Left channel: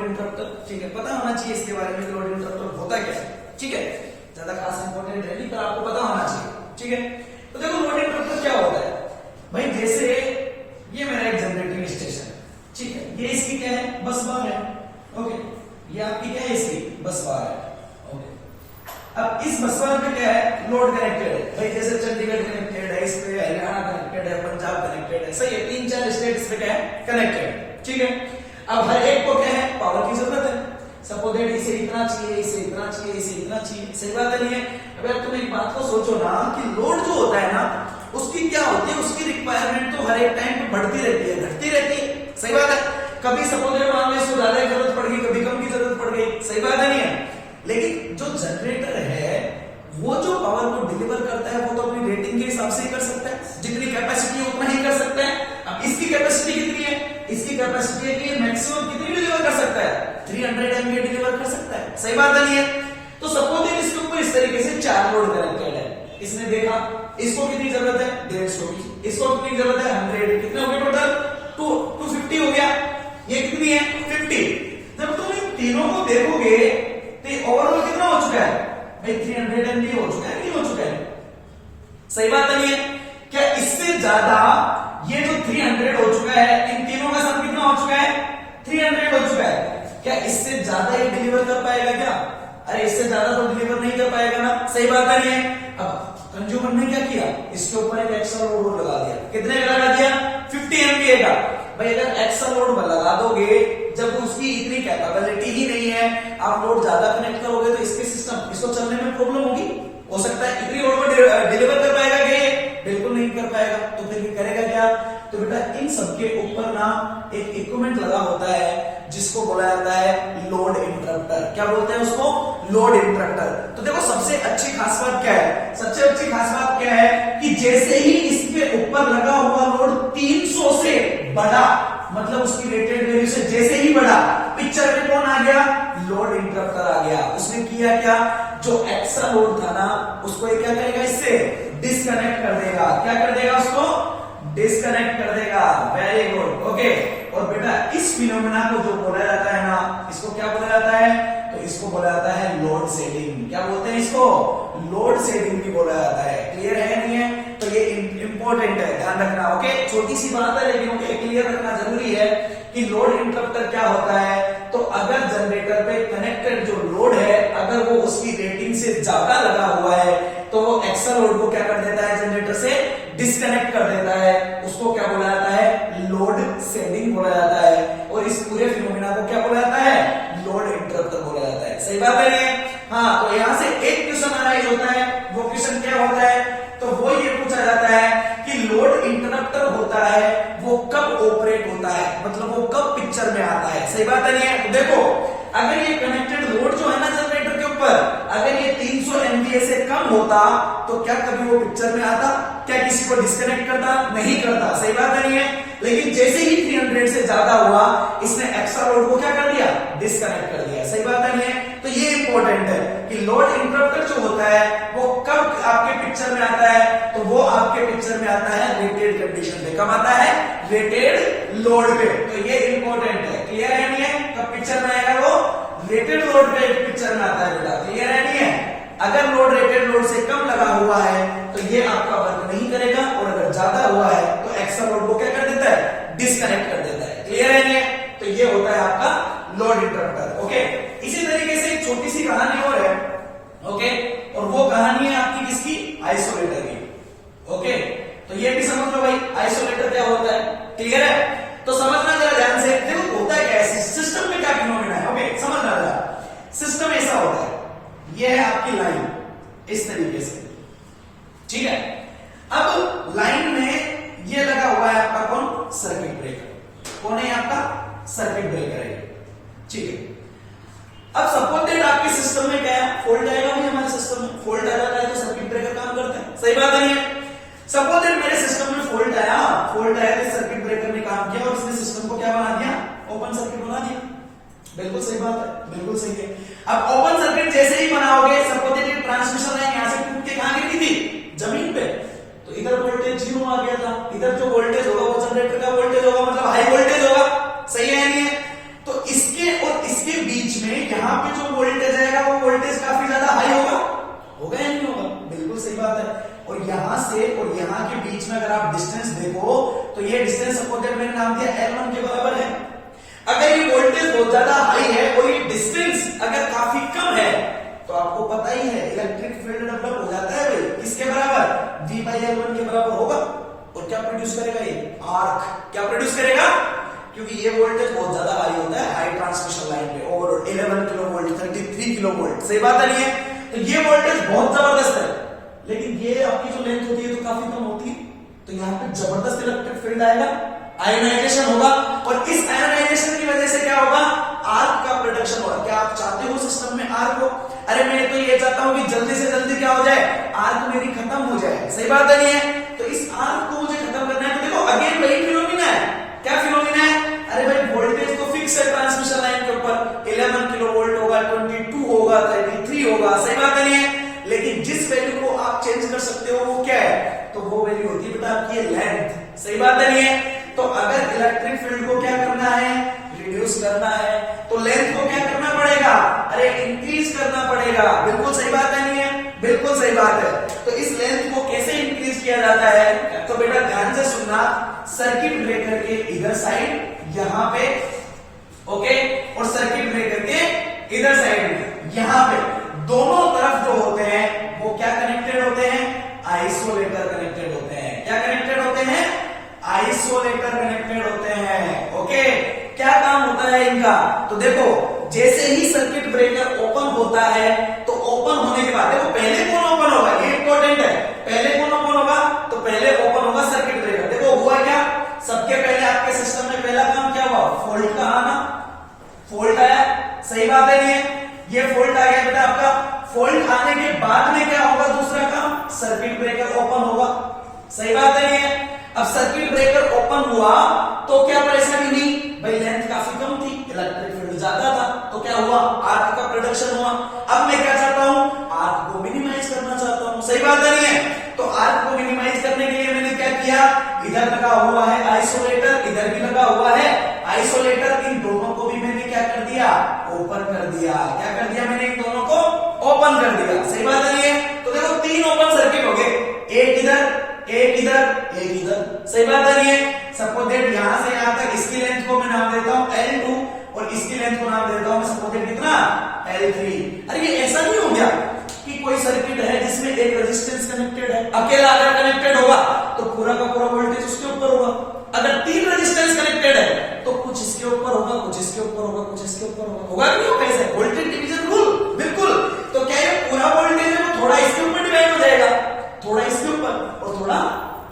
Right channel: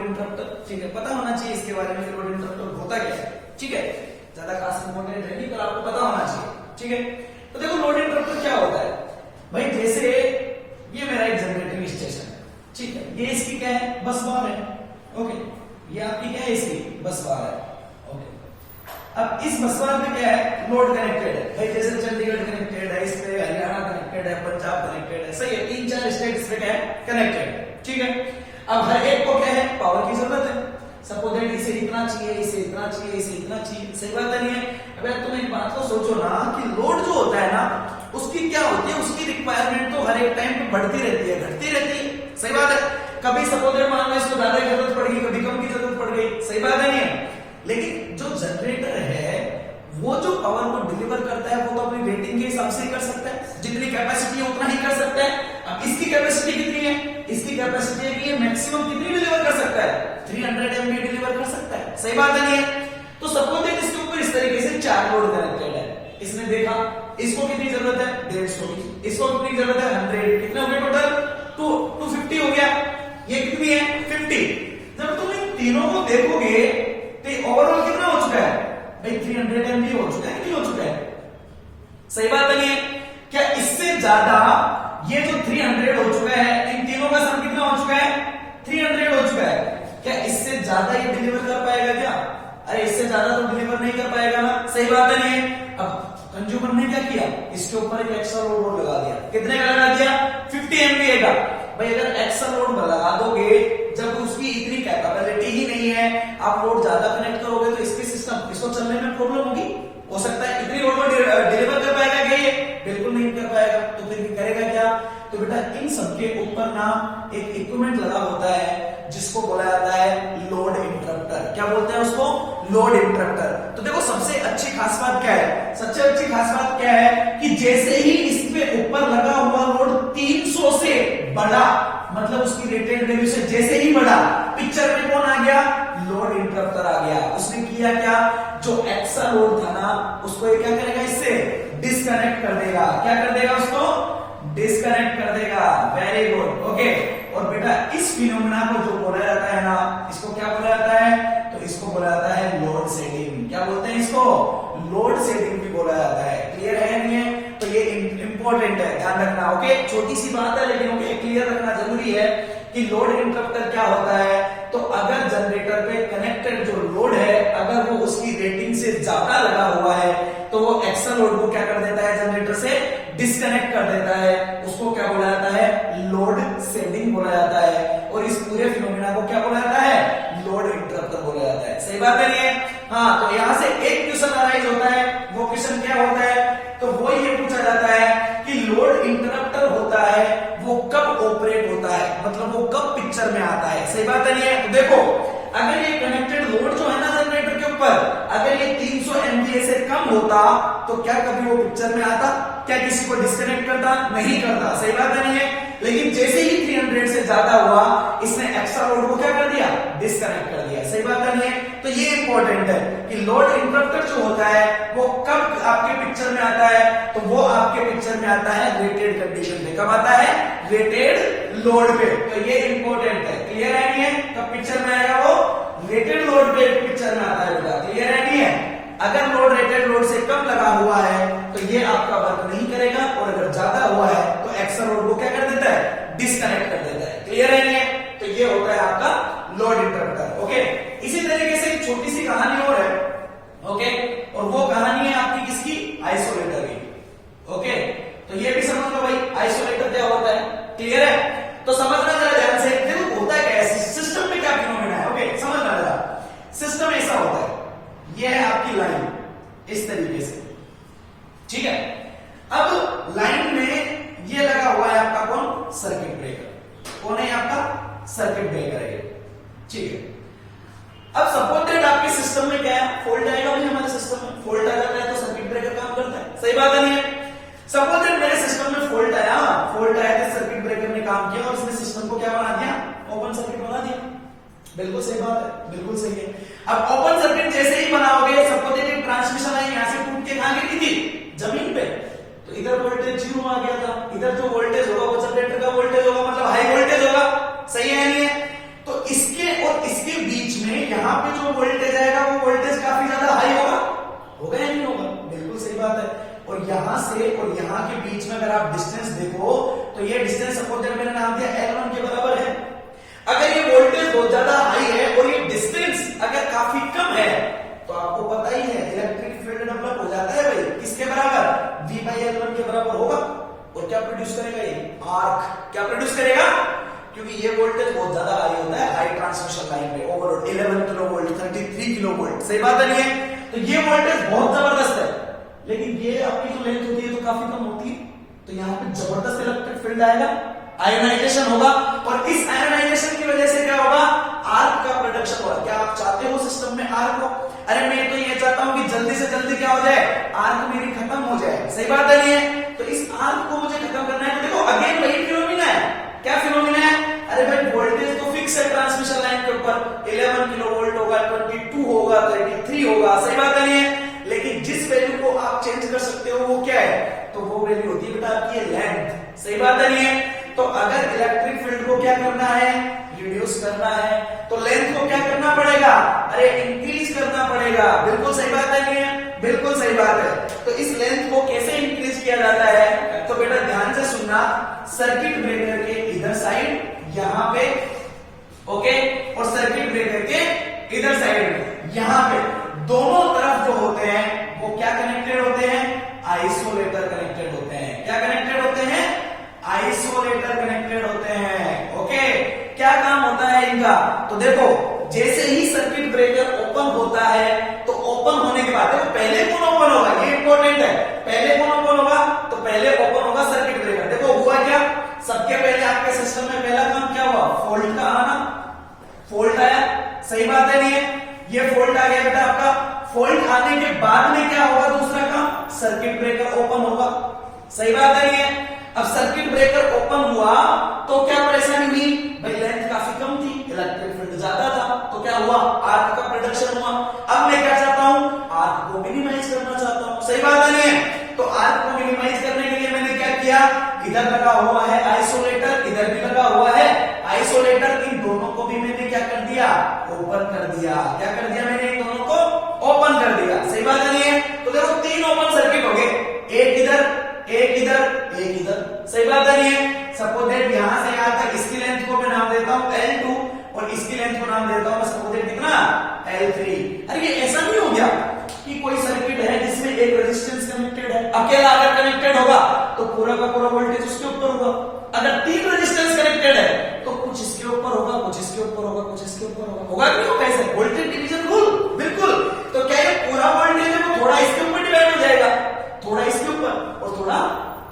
Load interrupter, ठीक है, पता होना चाहिए इसके बारे में लोड इंटरप्टर होता क्या है, ठीक है, ज्यादा खास इंपॉर्टेंट है नहीं पर आपको पता होना चाहिए, ठीक है। तो देखो लोड इंटरप्टर क्या होता है भाई, जैसे ये मेरा एक जनरेटिंग स्टेशन है, ठीक है, ये इसकी क्या है, बस बार है, ओके, ये आपकी क्या है, इसकी बस बार है, ओके। अब इस बस बार में क्या है, लोड कनेक्टेड है भाई, जैसे चंडीगढ़ कनेक्टेड है, इस पे हरियाणा कनेक्टेड है, पंजाब कनेक्टेड है, सही है, 3-4 स्टेट इस पे क्या है, कनेक्टेड है, ठीक है। अब हर एक को क्या है, पावर की जरूरत है, सपोज दैट इसे इतना चाहिए, इसे इतना चाहिए, इसे इतना चाहिए, सही बात है नहीं है। अब यार तुम एक बात को सोचो ना कि लोड जो होता है ना उसकी क्या होती है, उसकी रिक्वायरमेंट तो हर एक टाइम पे बढ़ती रहती है, घटती रहती है, सही बात है। कभी सपोज दैट मान लो इसको ज्यादा की जरूरत पड़ गई, कभी कम की जरूरत पड़ गई, सही बात है नहीं है। लेकिन जो जनरेटर है वो जो पावर को डिलीवर करता है वो तो अपनी रेटिंग के हिसाब से ही कर सकता है, जितनी कैपेसिटी है उतना ही कर सकता है। अब इसकी कैपेसिटी कितनी है, इसकी कैपेसिटी है कि ये मैक्सिमम कितनी डिलीवर कर सकता है, 300 एमबी डिलीवर कर सकता है, सही बात है नहीं है। तो सपोज दैट इसके ऊपर इस तरीके से 4 लोड कनेक्टेड है, इसने देखा इसको कितनी जरूरत है, 150 की, इसको कितनी जरूरत है, 100, कितने हो गए टोटल, 250 हो गया, ये कितनी है, 50। जब तुम इन तीनों को देखोगे तो ओवरऑल कितना हो चुका है भाई, 300 एमबी हो चुका है, नहीं हो चुका है, सही बात नहीं है। क्या इससे ज्यादा ये जो 300 हो चुका है, इन तीनों का सम कितना हो चुका है, 300 हो चुका है, क्या इससे ज्यादा ये डिलीवर कर पाएगा क्या, अरे इससे ज्यादा तो डिलीवर नहीं कर पाएगा ना, सही बात नहीं है। अब कंज्यूमर ने क्या किया, इसके ऊपर एक एक्स्ट्रा लोड लगा दिया, कितने का लगा दिया, 50 एमबीए का। भाई अगर एक्स्ट्रा लोड लगा दोगे जब उसकी इतनी कैपेबिलिटी ही नहीं है, आप लोड ज्यादा कनेक्ट करोगे तो इसके सिस्टम इसको चलने में प्रॉब्लम होगी, हो सकता है इतनी लोड में डिलीवर कर पाएगा क्या, ये बिल्कुल नहीं कर पाएगा, तो फिर करेगा क्या। तो बेटा इन सबके ऊपर ना एक इक्विपमेंट लगा होता है जिसको बोला जाता है लोड इंटरप्टर, क्या बोलते हैं उसको, लोड इंटरप्टर। तो देखो सबसे अच्छी खास बात क्या है, सबसे अच्छी खास बात क्या है कि जैसे ही इसके ऊपर लगा हुआ लोड 300 से बड़ा, मतलब उसकी रेटेड वैल्यू से जैसे ही बढ़ा, पिक्चर में कौन आ गया, लोड इंटरप्टर आ गया। उसने किया क्या, जो एक्स्ट्रा लोड था ना उसको ये क्या करेगा, इससे डिस्कनेक्ट कर देगा, क्या कर देगा, उसको डिस्कनेक्ट कर देगा, वेरी गुड, ओके। और बेटा इस फिनोमेना को जो बोला जाता है ना, इसको क्या बोला जाता है, तो इसको बोला जाता है लोड शेडिंग, क्या बोलते हैं इसको, लोड शेडिंग भी बोला जाता है, क्लियर है नहीं है। तो ये इंपॉर्टेंट है, ध्यान रखना, ओके, छोटी सी बात है लेकिन ओके क्लियर रखना जरूरी है कि लोड इंटरप्टर क्या होता है। तो अगर जनरेटर पे कनेक्टेड जो लोड है अगर वो उसकी रेटिंग से ज्यादा लगा हुआ है तो वो एक्स्ट्रा लोड को क्या कर देता है, जनरेटर से डिस्कनेक्ट कर देता है, उसको क्या बोला जाता है, लोड शेडिंग बोला जाता है। और इस पूरे फिनोमेना को क्या बोला जाता है, लोड इंटरप्टर बोला जाता है, सही बात है नहीं है। हाँ, तो यहां से एक क्वेश्चन अराइज होता है, वो क्वेश्चन क्या होता है, तो वो ये पूछा जाता है कि लोड इंटरप्टर होता है वो कब ऑपरेट होता है, मतलब वो कब पिक्चर में आता है, सही बात है नहीं है। तो देखो अगर ये कनेक्टेड लोड जो है ना जनरेटर के ऊपर, अगर ये 300 एमवीए से कम होता तो क्या कभी वो पिक्चर में आता, क्या किसी को डिस्कनेक्ट करता, नहीं करता, सही बात है नहीं है। लेकिन जैसे ही 300 से ज्यादा हुआ इसने एक्स्ट्रा लोड को क्या कर दिया, डिस्कनेक्ट कर दिया, सही बात है नहीं है। तो ये इंपॉर्टेंट है कि लोड इंटरप्टर जो होता है वो कब आपके पिक्चर में आता है, तो वो आपके पिक्चर में आता है रेटेड कंडीशन पे, कब आता है, रेटेड लोड पे। तो ये इंपॉर्टेंट है, क्लियर है नहीं है, कब पिक्चर में आएगा वो, रेटेड लोड पे पिक्चर में आता है बेटा, क्लियर है नहीं है। अगर लोड रेटेड लोड से कम लगा हुआ है तो ये आपका वर्क नहीं करेगा, और अगर ज्यादा हुआ है तो एक्स्ट्रा लोड को क्या कर देता है, डिस्कनेक्ट कर देता है, क्लियर है नहीं है। तो ये होता है आपका लोड इंटरप्टर, ओके। इसी तरीके से एक छोटी सी कहानी और है, ओके, और वो कहानी है आपकी किसकी, आइसोलेटर की, ओके। तो ये भी समझ लो भाई आइसोलेटर क्या होता है, क्लियर है। तो समझना जरा ध्यान से, देखो होता है क्या, सिस्टम में क्या फिनोमेना है, ओके, समझना जरा। सिस्टम ऐसा होता है, ये है आपकी लाइन इस तरीके से, ठीक है। अब लाइन में ये लगा हुआ है आपका कौन, सर्किट ब्रेकर, कौन है आपका, सर्किट ब्रेकर है, ठीक है। अब सपोज दैट आपके सिस्टम में क्या है, फॉल्ट आएगा, हमारे सिस्टम में फॉल्ट आ जाता है तो सर्किट ब्रेकर काम करता है, सही बात नहीं है। सपोज दैट मेरे सिस्टम में फॉल्ट आया तो सर्किट ब्रेकर ने काम किया और इसने सिस्टम को क्या बना दिया, ओपन सर्किट बना दिया, बिल्कुल सही बात है, बिल्कुल सही है। अब ओपन सर्किट जैसे ही बनाओगे, सपोज दैट ट्रांसमिशन लाइन यहां से टूट के कहां गिरी थी, जमीन पे, तो इधर वोल्टेज 0 आ गया था, इधर जो वोल्टेज होगा वो जनरेटर का वोल्टेज होगा, मतलब हाई वोल्टेज होगा, सही है नहीं है। तो इसके और इस यहाँ पे जो वोल्टेज आएगा वो वोल्टेज काफी ज्यादा हाई होगा, होगा या नहीं होगा? बिल्कुल सही बात है। और यहां से और यहां के बीच में अगर आप डिस्टेंस देखो तो ये डिस्टेंस सपोज दैट मैंने नाम दिया L1 के बराबर है। अगर ये वोल्टेज बहुत ज्यादा हाई है और ये डिस्टेंस अगर काफी कम है तो आपको पता ही है इलेक्ट्रिक फील्ड डेवलप हो जाता है भाई, किसके बराबर? V/L1 के बराबर होगा। और क्या प्रोड्यूस करेगा ये? आर्क। क्या प्रोड्यूस करेगा? क्योंकि ये वोल्टेज बहुत ज्यादा हाई होता है हाई ट्रांसमिशन लाइन पे, over 11 kilo volt, 33 kilo volt. सही बात नहीं है? तो ये वोल्टेज बहुत जबरदस्त है, लेकिन ये आपकी जो लेंथ होती है तो काफी कम होती है, तो यहाँ पे जबरदस्त इलेक्ट्रिक फील्ड आएगा, आयोनाइजेशन होगा। और इस आयोनाइजेशन की वजह से क्या होगा? आर्क का प्रोडक्शन होगा। क्या आप चाहते हो सिस्टम में आर्क हो? अरे मैं तो ये चाहता हूं कि जल्दी से जल्दी क्या हो जाए, आर्क मेरी खत्म हो जाए। सही बात है नहीं है? तो इस आर्क को मुझे खत्म करना है। तो देखो अगेन वही फिनोमिना है। क्या फिनोमिना है? अरे भाई वोल्टेज तो फिक्स है ट्रांसमिशन लाइन के ऊपर, 11 किलो वोल्ट होगा, 22 होगा, 33 होगा। सही बात है नहीं है? लेकिन जिस वैल्यू को आप चेंज कर सकते हो वो क्या है? तो वो वैल्यू होती है बेटा आपकी लेंथ। सही बात है नहीं है? तो अगर इलेक्ट्रिक फील्ड को क्या करना है? रिड्यूस करना है, तो लेंथ को क्या करना पड़ेगा? अरे इंक्रीज करना पड़ेगा। बिल्कुल सही बात है नहीं है? बिल्कुल सही बात है। तो इस लेंथ को कैसे इंक्रीज किया जाता है? तो बेटा ध्यान से सुनना, सर्किट ब्रेकर के इधर साइड यहां पे, ओके, और सर्किट ब्रेकर के इधर साइड में यहां पे दोनों तरफ जो होते हैं वो क्या कनेक्टेड होते हैं? आइसोलेटर कनेक्टेड होते हैं। क्या कनेक्टेड होते हैं? आइसोलेटर कनेक्टेड होते हैं। ओके, क्या काम होता है इनका? तो देखो जैसे ही सर्किट ब्रेकर ओपन होता है तो ओपन होने के बाद देखो पहले कौन ओपन होगा, ये इंपॉर्टेंट है। पहले कौन ओपन होगा? तो पहले ओपन होगा सर्किट ब्रेकर। देखो हुआ क्या, सबके पहले आपके सिस्टम में पहला काम क्या हुआ? फॉल्ट का आना, फॉल्ट आया। सही बात है नहीं है? ये फॉल्ट आ गया बेटा आपका। फॉल्ट आने के बाद में क्या होगा? दूसरा काम, सर्किट ब्रेकर ओपन होगा। सही बात है नहीं है? अब सर्किट ब्रेकर ओपन हुआ तो क्या परेशानी हुई? भाई लेंथ काफी कम थी, इलेक्ट्रिक फील्ड ज्यादा था, तो क्या हुआ? आर्क का प्रोडक्शन हुआ। अब मैं क्या चाहता हूं? आर्क को मिनिमाइज करना चाहता हूं। सही बात है नहीं है? तो आर्क को मिनिमाइज करने के लिए मैंने क्या किया? इधर लगा हुआ है आइसोलेटर, इधर भी लगा हुआ है आइसोलेटर, इन दोनों को भी मैंने क्या कर दिया? ओपन कर दिया। क्या कर दिया मैंने? इन दोनों को ओपन कर दिया। सही बात है नहीं है? तो देखो 3 ओपन सर्किट हो गए, एक इधर, एक इधर, एक इधर। सही बात है नहीं है? सपोज दैट यहां से यहां तक इसकी लेंथ को मैं नाम देता हूं L2 और इसकी लेंथ को नाम देता हूं सपोज दैट कितना? L3। अरे ये ऐसा नहीं हो गया कि कोई सर्किट है जिसमें एक रेजिस्टेंस कनेक्टेड है, अकेला अगर कनेक्टेड होगा तो पूरा का पूरा वोल्टेज उसके ऊपर होगा। अगर 3 रेजिस्टेंस कनेक्टेड है तो कुछ इसके ऊपर होगा, कुछ इसके ऊपर होगा, कुछ इसके ऊपर होगा। होगा कि नहीं होगा? ऐसे वोल्टेज डिवीजन रूल। बिल्कुल। तो क्या ये पूरा वोल्टेज है वो थोड़ा इसके ऊपर डिवाइड हो जाएगा, थोड़ा इसके ऊपर और थोड़ा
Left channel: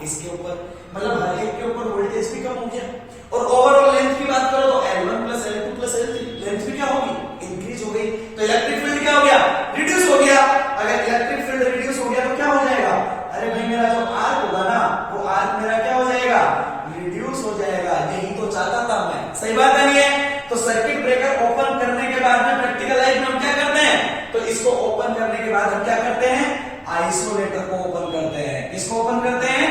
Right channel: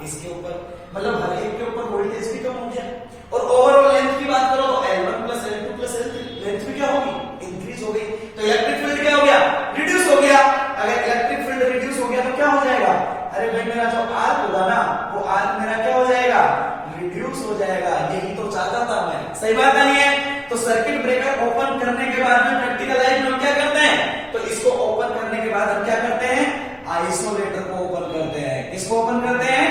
इसके ऊपर, मतलब हर एक के ऊपर वोल्टेज भी कम हो गया। और ओवरऑल लेंथ की बात करो तो L1 plus L2 plus L3 length भी क्या होगी? इंक्रीज हो गई। तो इलेक्ट्रिक फील्ड क्या हो गया? रिड्यूस हो गया। अगर इलेक्ट्रिक फील्ड रिड्यूस हो गया तो क्या हो जाएगा? अरे भाई मेरा जो आर्क होगा ना वो आर्क मेरा क्या हो जाएगा? रिड्यूस हो जाएगा। यही तो चाहता था मैं। सही बात है नहीं है? तो सर्किट ब्रेकर ओपन करने के बाद में प्रैक्टिकल लाइफ में हम क्या करते हैं? तो इसको ओपन करने के बाद हम क्या करते हैं? आइसोलेटर को ओपन करते हैं। किसको ओपन करते हैं?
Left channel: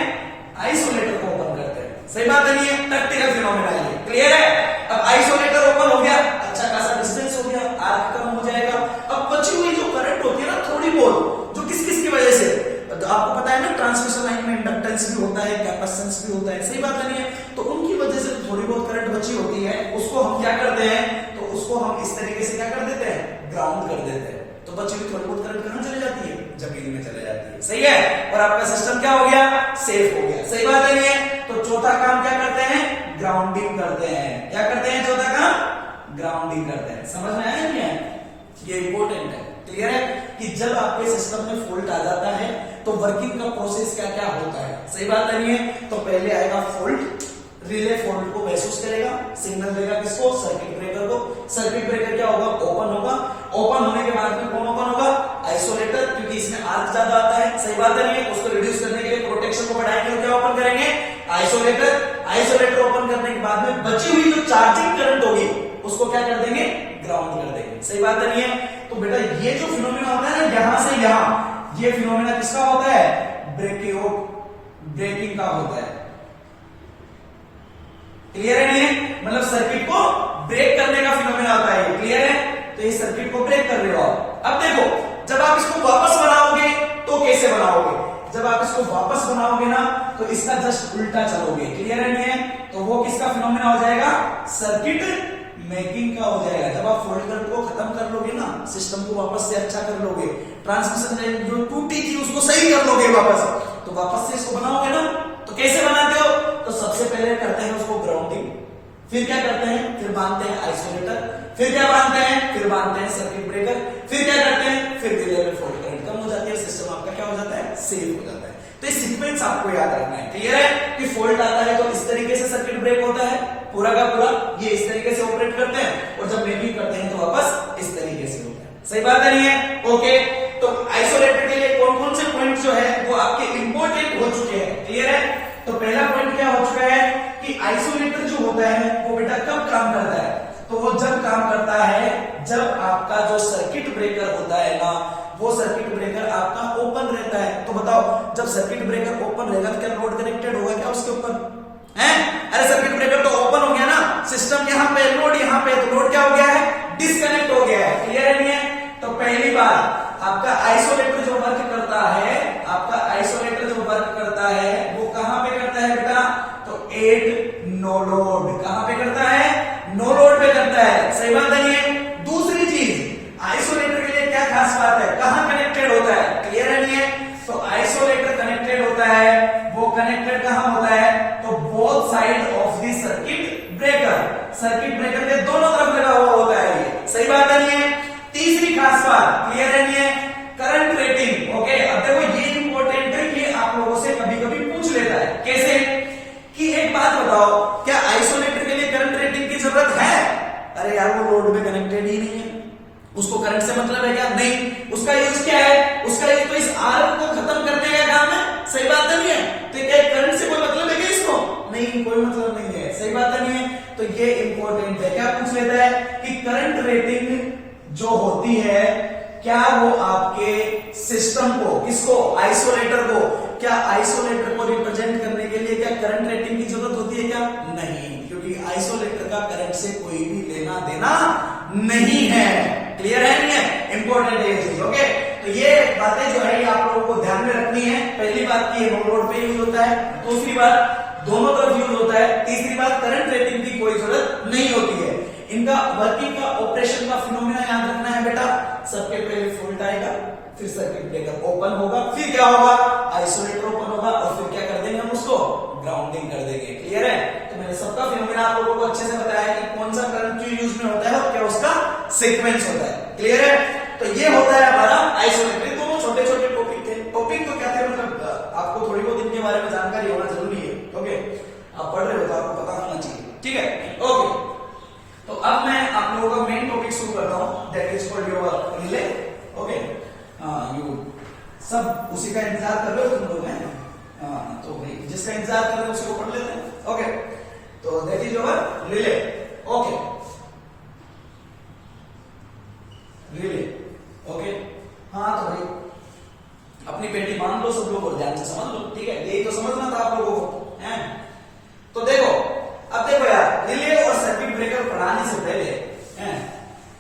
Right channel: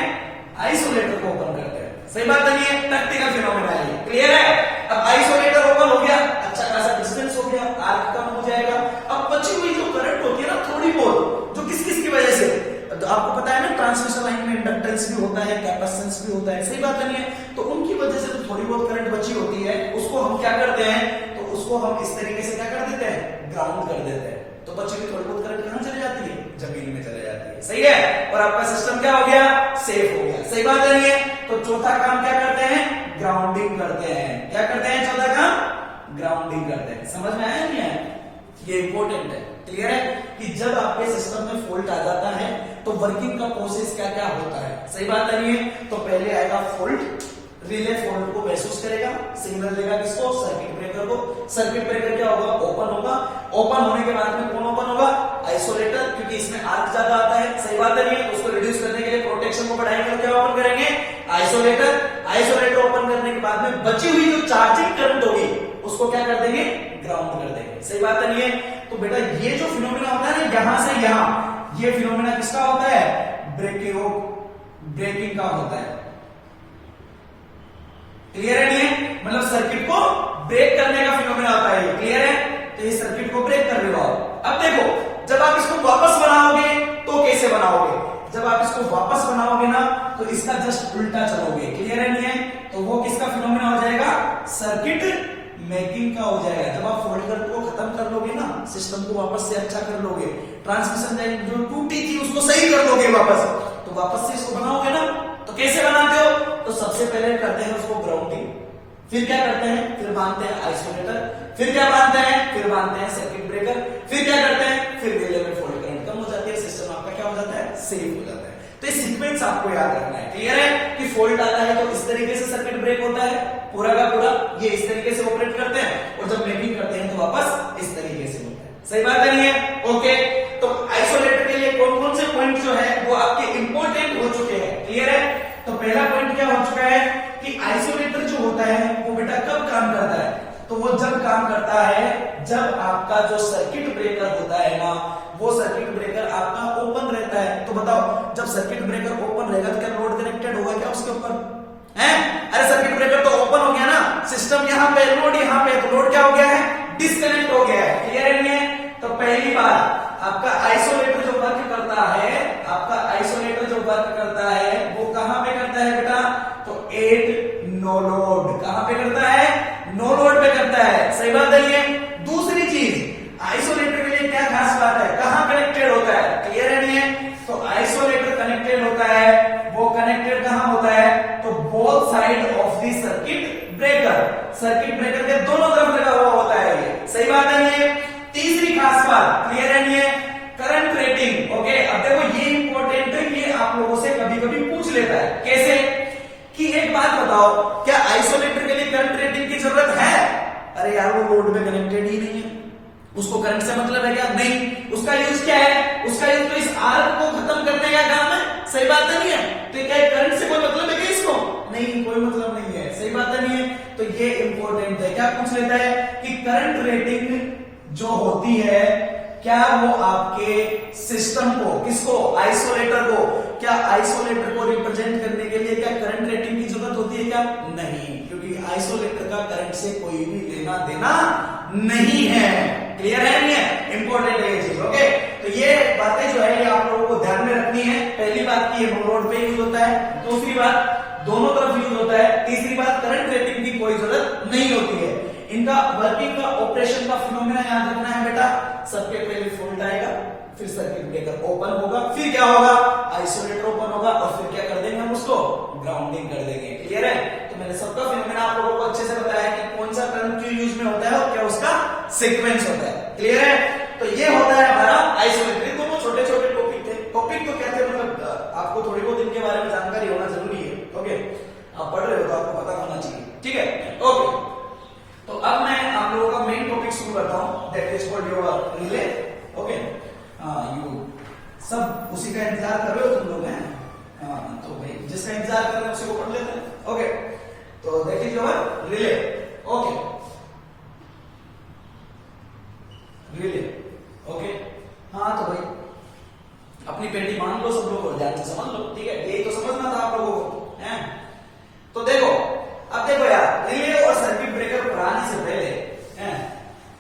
आइसोलेटर को ओपन करते हैं। सही बात नहीं है? प्रैक्टिकल फिनोमेना है। क्लियर है? अब आइसोलेटर ओपन हो गया, अच्छा खासा डिस्टेंस हो गया, आर्क कम हो जाएगा। अब बची हुई जो करंट होती है ना थोड़ी बहुत, जो किस किस की वजह से, तो आपको पता है ना ट्रांसमिशन लाइन में इंडक्टेंस भी होता है, कैपेसिटेंस भी होता है। सही बात नहीं है? तो उनकी वजह से थोड़ी बहुत करंट बची होती है, उसको हम क्या करते हैं? तो उसको हम इस तरीके से क्या कर देते हैं? ग्राउंड कर देते हैं। तो बची हुई थोड़ी बहुत करंट कहां चली जाती है? जमीन में चले जाती है। सही है? और आपका सिस्टम क्या हो गया? सेफ हो गया। सही बात नहीं है? तो चौथा काम क्या करते हैं? ग्राउंडिंग करते हैं। क्या करते हैं? चौथा काम ग्राउंडिंग करते हैं। समझ में आया नहीं है? ये इंपॉर्टेंट है। क्लियर है कि जब आपके सिस्टम में फॉल्ट आ जाता है तो वर्किंग का प्रोसेस क्या क्या होता है? सही बात नहीं है? तो पहले आएगा फॉल्ट, रिले फॉल्ट को महसूस करेगा, सिग्नल देगा किसको? सर्किट ब्रेकर को। सर्किट ब्रेकर क्या होगा? ओपन होगा। ओपन होने के बाद में कौन ओपन होगा? आइसोलेटर, क्योंकि इसमें आर्क ज्यादा आता है। सही बात नहीं है? उसको रिड्यूस करने के लिए, प्रोटेक्शन को बढ़ाने के लिए क्या ओपन करेंगे? आइसोलेटर। आइसोलेटर ओपन करने के बाद में बची हुई जो चार्जिंग करंट होगी उसको क्या कर देंगे? ग्राउंड कर देंगे। सही बात नहीं है? तो बेटा ये जो फिनोमेना होता है ना यहां से यहां, ये फिनोमेना किसका होता है? ब्रेकिंग का होता है। क्लियर है नहीं है? मतलब सर्किट को ब्रेक करने का फिनोमेना होता है। क्लियर है? तो ये सर्किट को इसको वापस बनाओगे ना तो इसका जस्ट उल्टा चलोगे, क्लियर है नहीं है? तो वो किसका फिनोमेना हो जाएगा? सर्किट मेकिंग का हो जाएगा। जब आप फॉल्ट करंट को खत्म कर लोगे ना, सिस्टम को वापस से अच्छा कर लोगे, ट्रांसमिशन लाइन जो टूटी थी उसको सही कर लोगे वापस, तो वापस से इसको बनाओगे ना। तो कैसे बनाते हो? तो सबसे पहले करते हैं उसको ग्राउंडिंग, फिर क्या करते हैं? फिर बांधते हैं आइसोलेटर, फिर क्या बांधते हैं? फिर बांधते हैं सर्किट ब्रेकर, फिर क्या करते हैं? फिर धीरे धीरे फॉल्ट करंट कम हो जाती है, सिस्टम आपका क्या हो जाता है? सेव हो जाता है। तो ये सीक्वेंस आपको याद रखना है, क्लियर है? कि फॉल्ट आता है तो इस तरीके से सर्किट ब्रेक होता है पूरा का पूरा, ये इस तरीके से ऑपरेट करते हैं, और जब मेकिंग करते हैं तो वापस इस तरीके से होता है। सही बात है नहीं है? ओके, तो आइसोलेटर के लिए कौन कौन से पॉइंट जो है वो आपके इंपॉर्टेंट हो चुके हैं, क्लियर है? तो पहला पॉइंट क्या हो चुका है कि आइसोलेटर जो होता है वो बेटा कब काम करता है? तो वो जब काम करता है जब आपका जो सर्किट ब्रेकर होता है ना, वो सर्किट ब्रेकर आपका ओपन रहता है। तो बताओ, जब सर्किट ब्रेकर ओपन रहेगा तो क्या लोड कनेक्टेड होगा क्या उसके ऊपर? है? अरे सर्किट ब्रेकर तो ओपन हो गया ना, सिस्टम यहां पे, लोड यहां पे, तो लोड क्या हो गया है? डिस्कनेक्ट हो गया है, क्लियर है नहीं है? तो पहली बार आपका आइसोलेटर जो वर्क करता है, आपका आइसोलेटर जो वर्क करता है वो कहां पे करता है बेटा? तो एट नो लोड। कहां पे करता है? नो लोड पे करता है। सही बात है ये? दूसरी चीज, आइसोलेटर के लिए क्या खास बात है? कहां कनेक्टेड होता है? क्लियर है नहीं है? तो आइसोलेटर कनेक्टेड होता है, वो कनेक्टेड कहां होता है? तो both side of the circuit breaker, circuit breaker के दोनों तरफ लगा हुआ होता है ये। सही बात है नहीं है? तीसरी खास बात, क्लियर है नहीं है? Current rating. ओके, अब देखो ये इंपॉर्टेंट है, ये आप लोगों से कभी कभी पूछ लेता है। कैसे? कि एक बात बताओ, क्या आइसोलेटर के लिए करंट रेटिंग की जरूरत है? अरे यार वो लोड पे कनेक्टेड ही नहीं है, उसको करंट से मतलब है क्या? नहीं। उसका यूज क्या है? उसका यूज तो इस आर्क को खत्म करने का काम है। सही बात नहीं है? तो क्या करंट से कोई मतलब है क्या इसको? नहीं, कोई मतलब नहीं है। सही बात नहीं है? तो ये इंपॉर्टेंट है। क्या पूछ लेता है कि करंट रेटिंग जो होती है क्या वो आपके सिस्टम को, किसको? आइसोलेटर को, क्या आइसोलेटर को रिप्रेजेंट करने के लिए क्या करंट रेटिंग की जरूरत होती है क्या? नहीं, क्योंकि आइसोलेटर का करंट से कोई भी लेना देना नहीं है। क्लियर है नहीं है? इंपॉर्टेंट है ये चीज। ओके, तो ये बातें जो है ये आप लोगों को ध्यान में रखनी है। पहली बात की नो लोड पे यूज होता है, दूसरी बात दोनों तरफ यूज होता है, तीसरी बात करंट रेटिंग की कोई जरूरत नहीं होती है। इनका वर्किंग का, ऑपरेशन का फिनोमेना याद रखना है बेटा। सबके पहले फॉल्ट आएगा, फिर सर्किट ब्रेकर ओपन होगा, फिर क्या होगा? आइसोलेटर ओपन होगा, और फिर क्या कर देंगे हम उसको? ग्राउंडिंग कर देंगे। क्लियर है? तो मैंने सबका फिनोमेना आप लोगों को अच्छे से बताया कि कौन सा करंट क्यों यूज में होता है और क्या उसका सीक्वेंस होता है। क्लियर है? तो ये होता है हमारा आइसोलेटर। दोनों छोटे छोटे टॉपिक थे। टॉपिक को कहते हैं मतलब आपको थोड़ी बहुत इनके बारे में जानकारी होना जरूरी है। ओके, आप पढ़ रहे हो तो आपको पता होना चाहिए। ठीक है? ओके, तो अब मैं आप लोगों का मेन टॉपिक शुरू करता हूं, that is called your relay. Okay, you सब उसी का इंतजार कर रहे हो तुम लोग हैं? तो भाई जिसका इंतजार कर रहे हैं उसी को पढ़ लेते हैं। ओके, तो that is your relay. Okay, relay. Okay, हाँ तो भाई अपनी पेटी मान लो सब लोग और ध्यान से समझ लो। ठीक है, यही तो समझना था आप लोगों को, हैं? तो देखो, अब देखो यार, रिले और सर्किट ब्रेकर पढ़ाने से पहले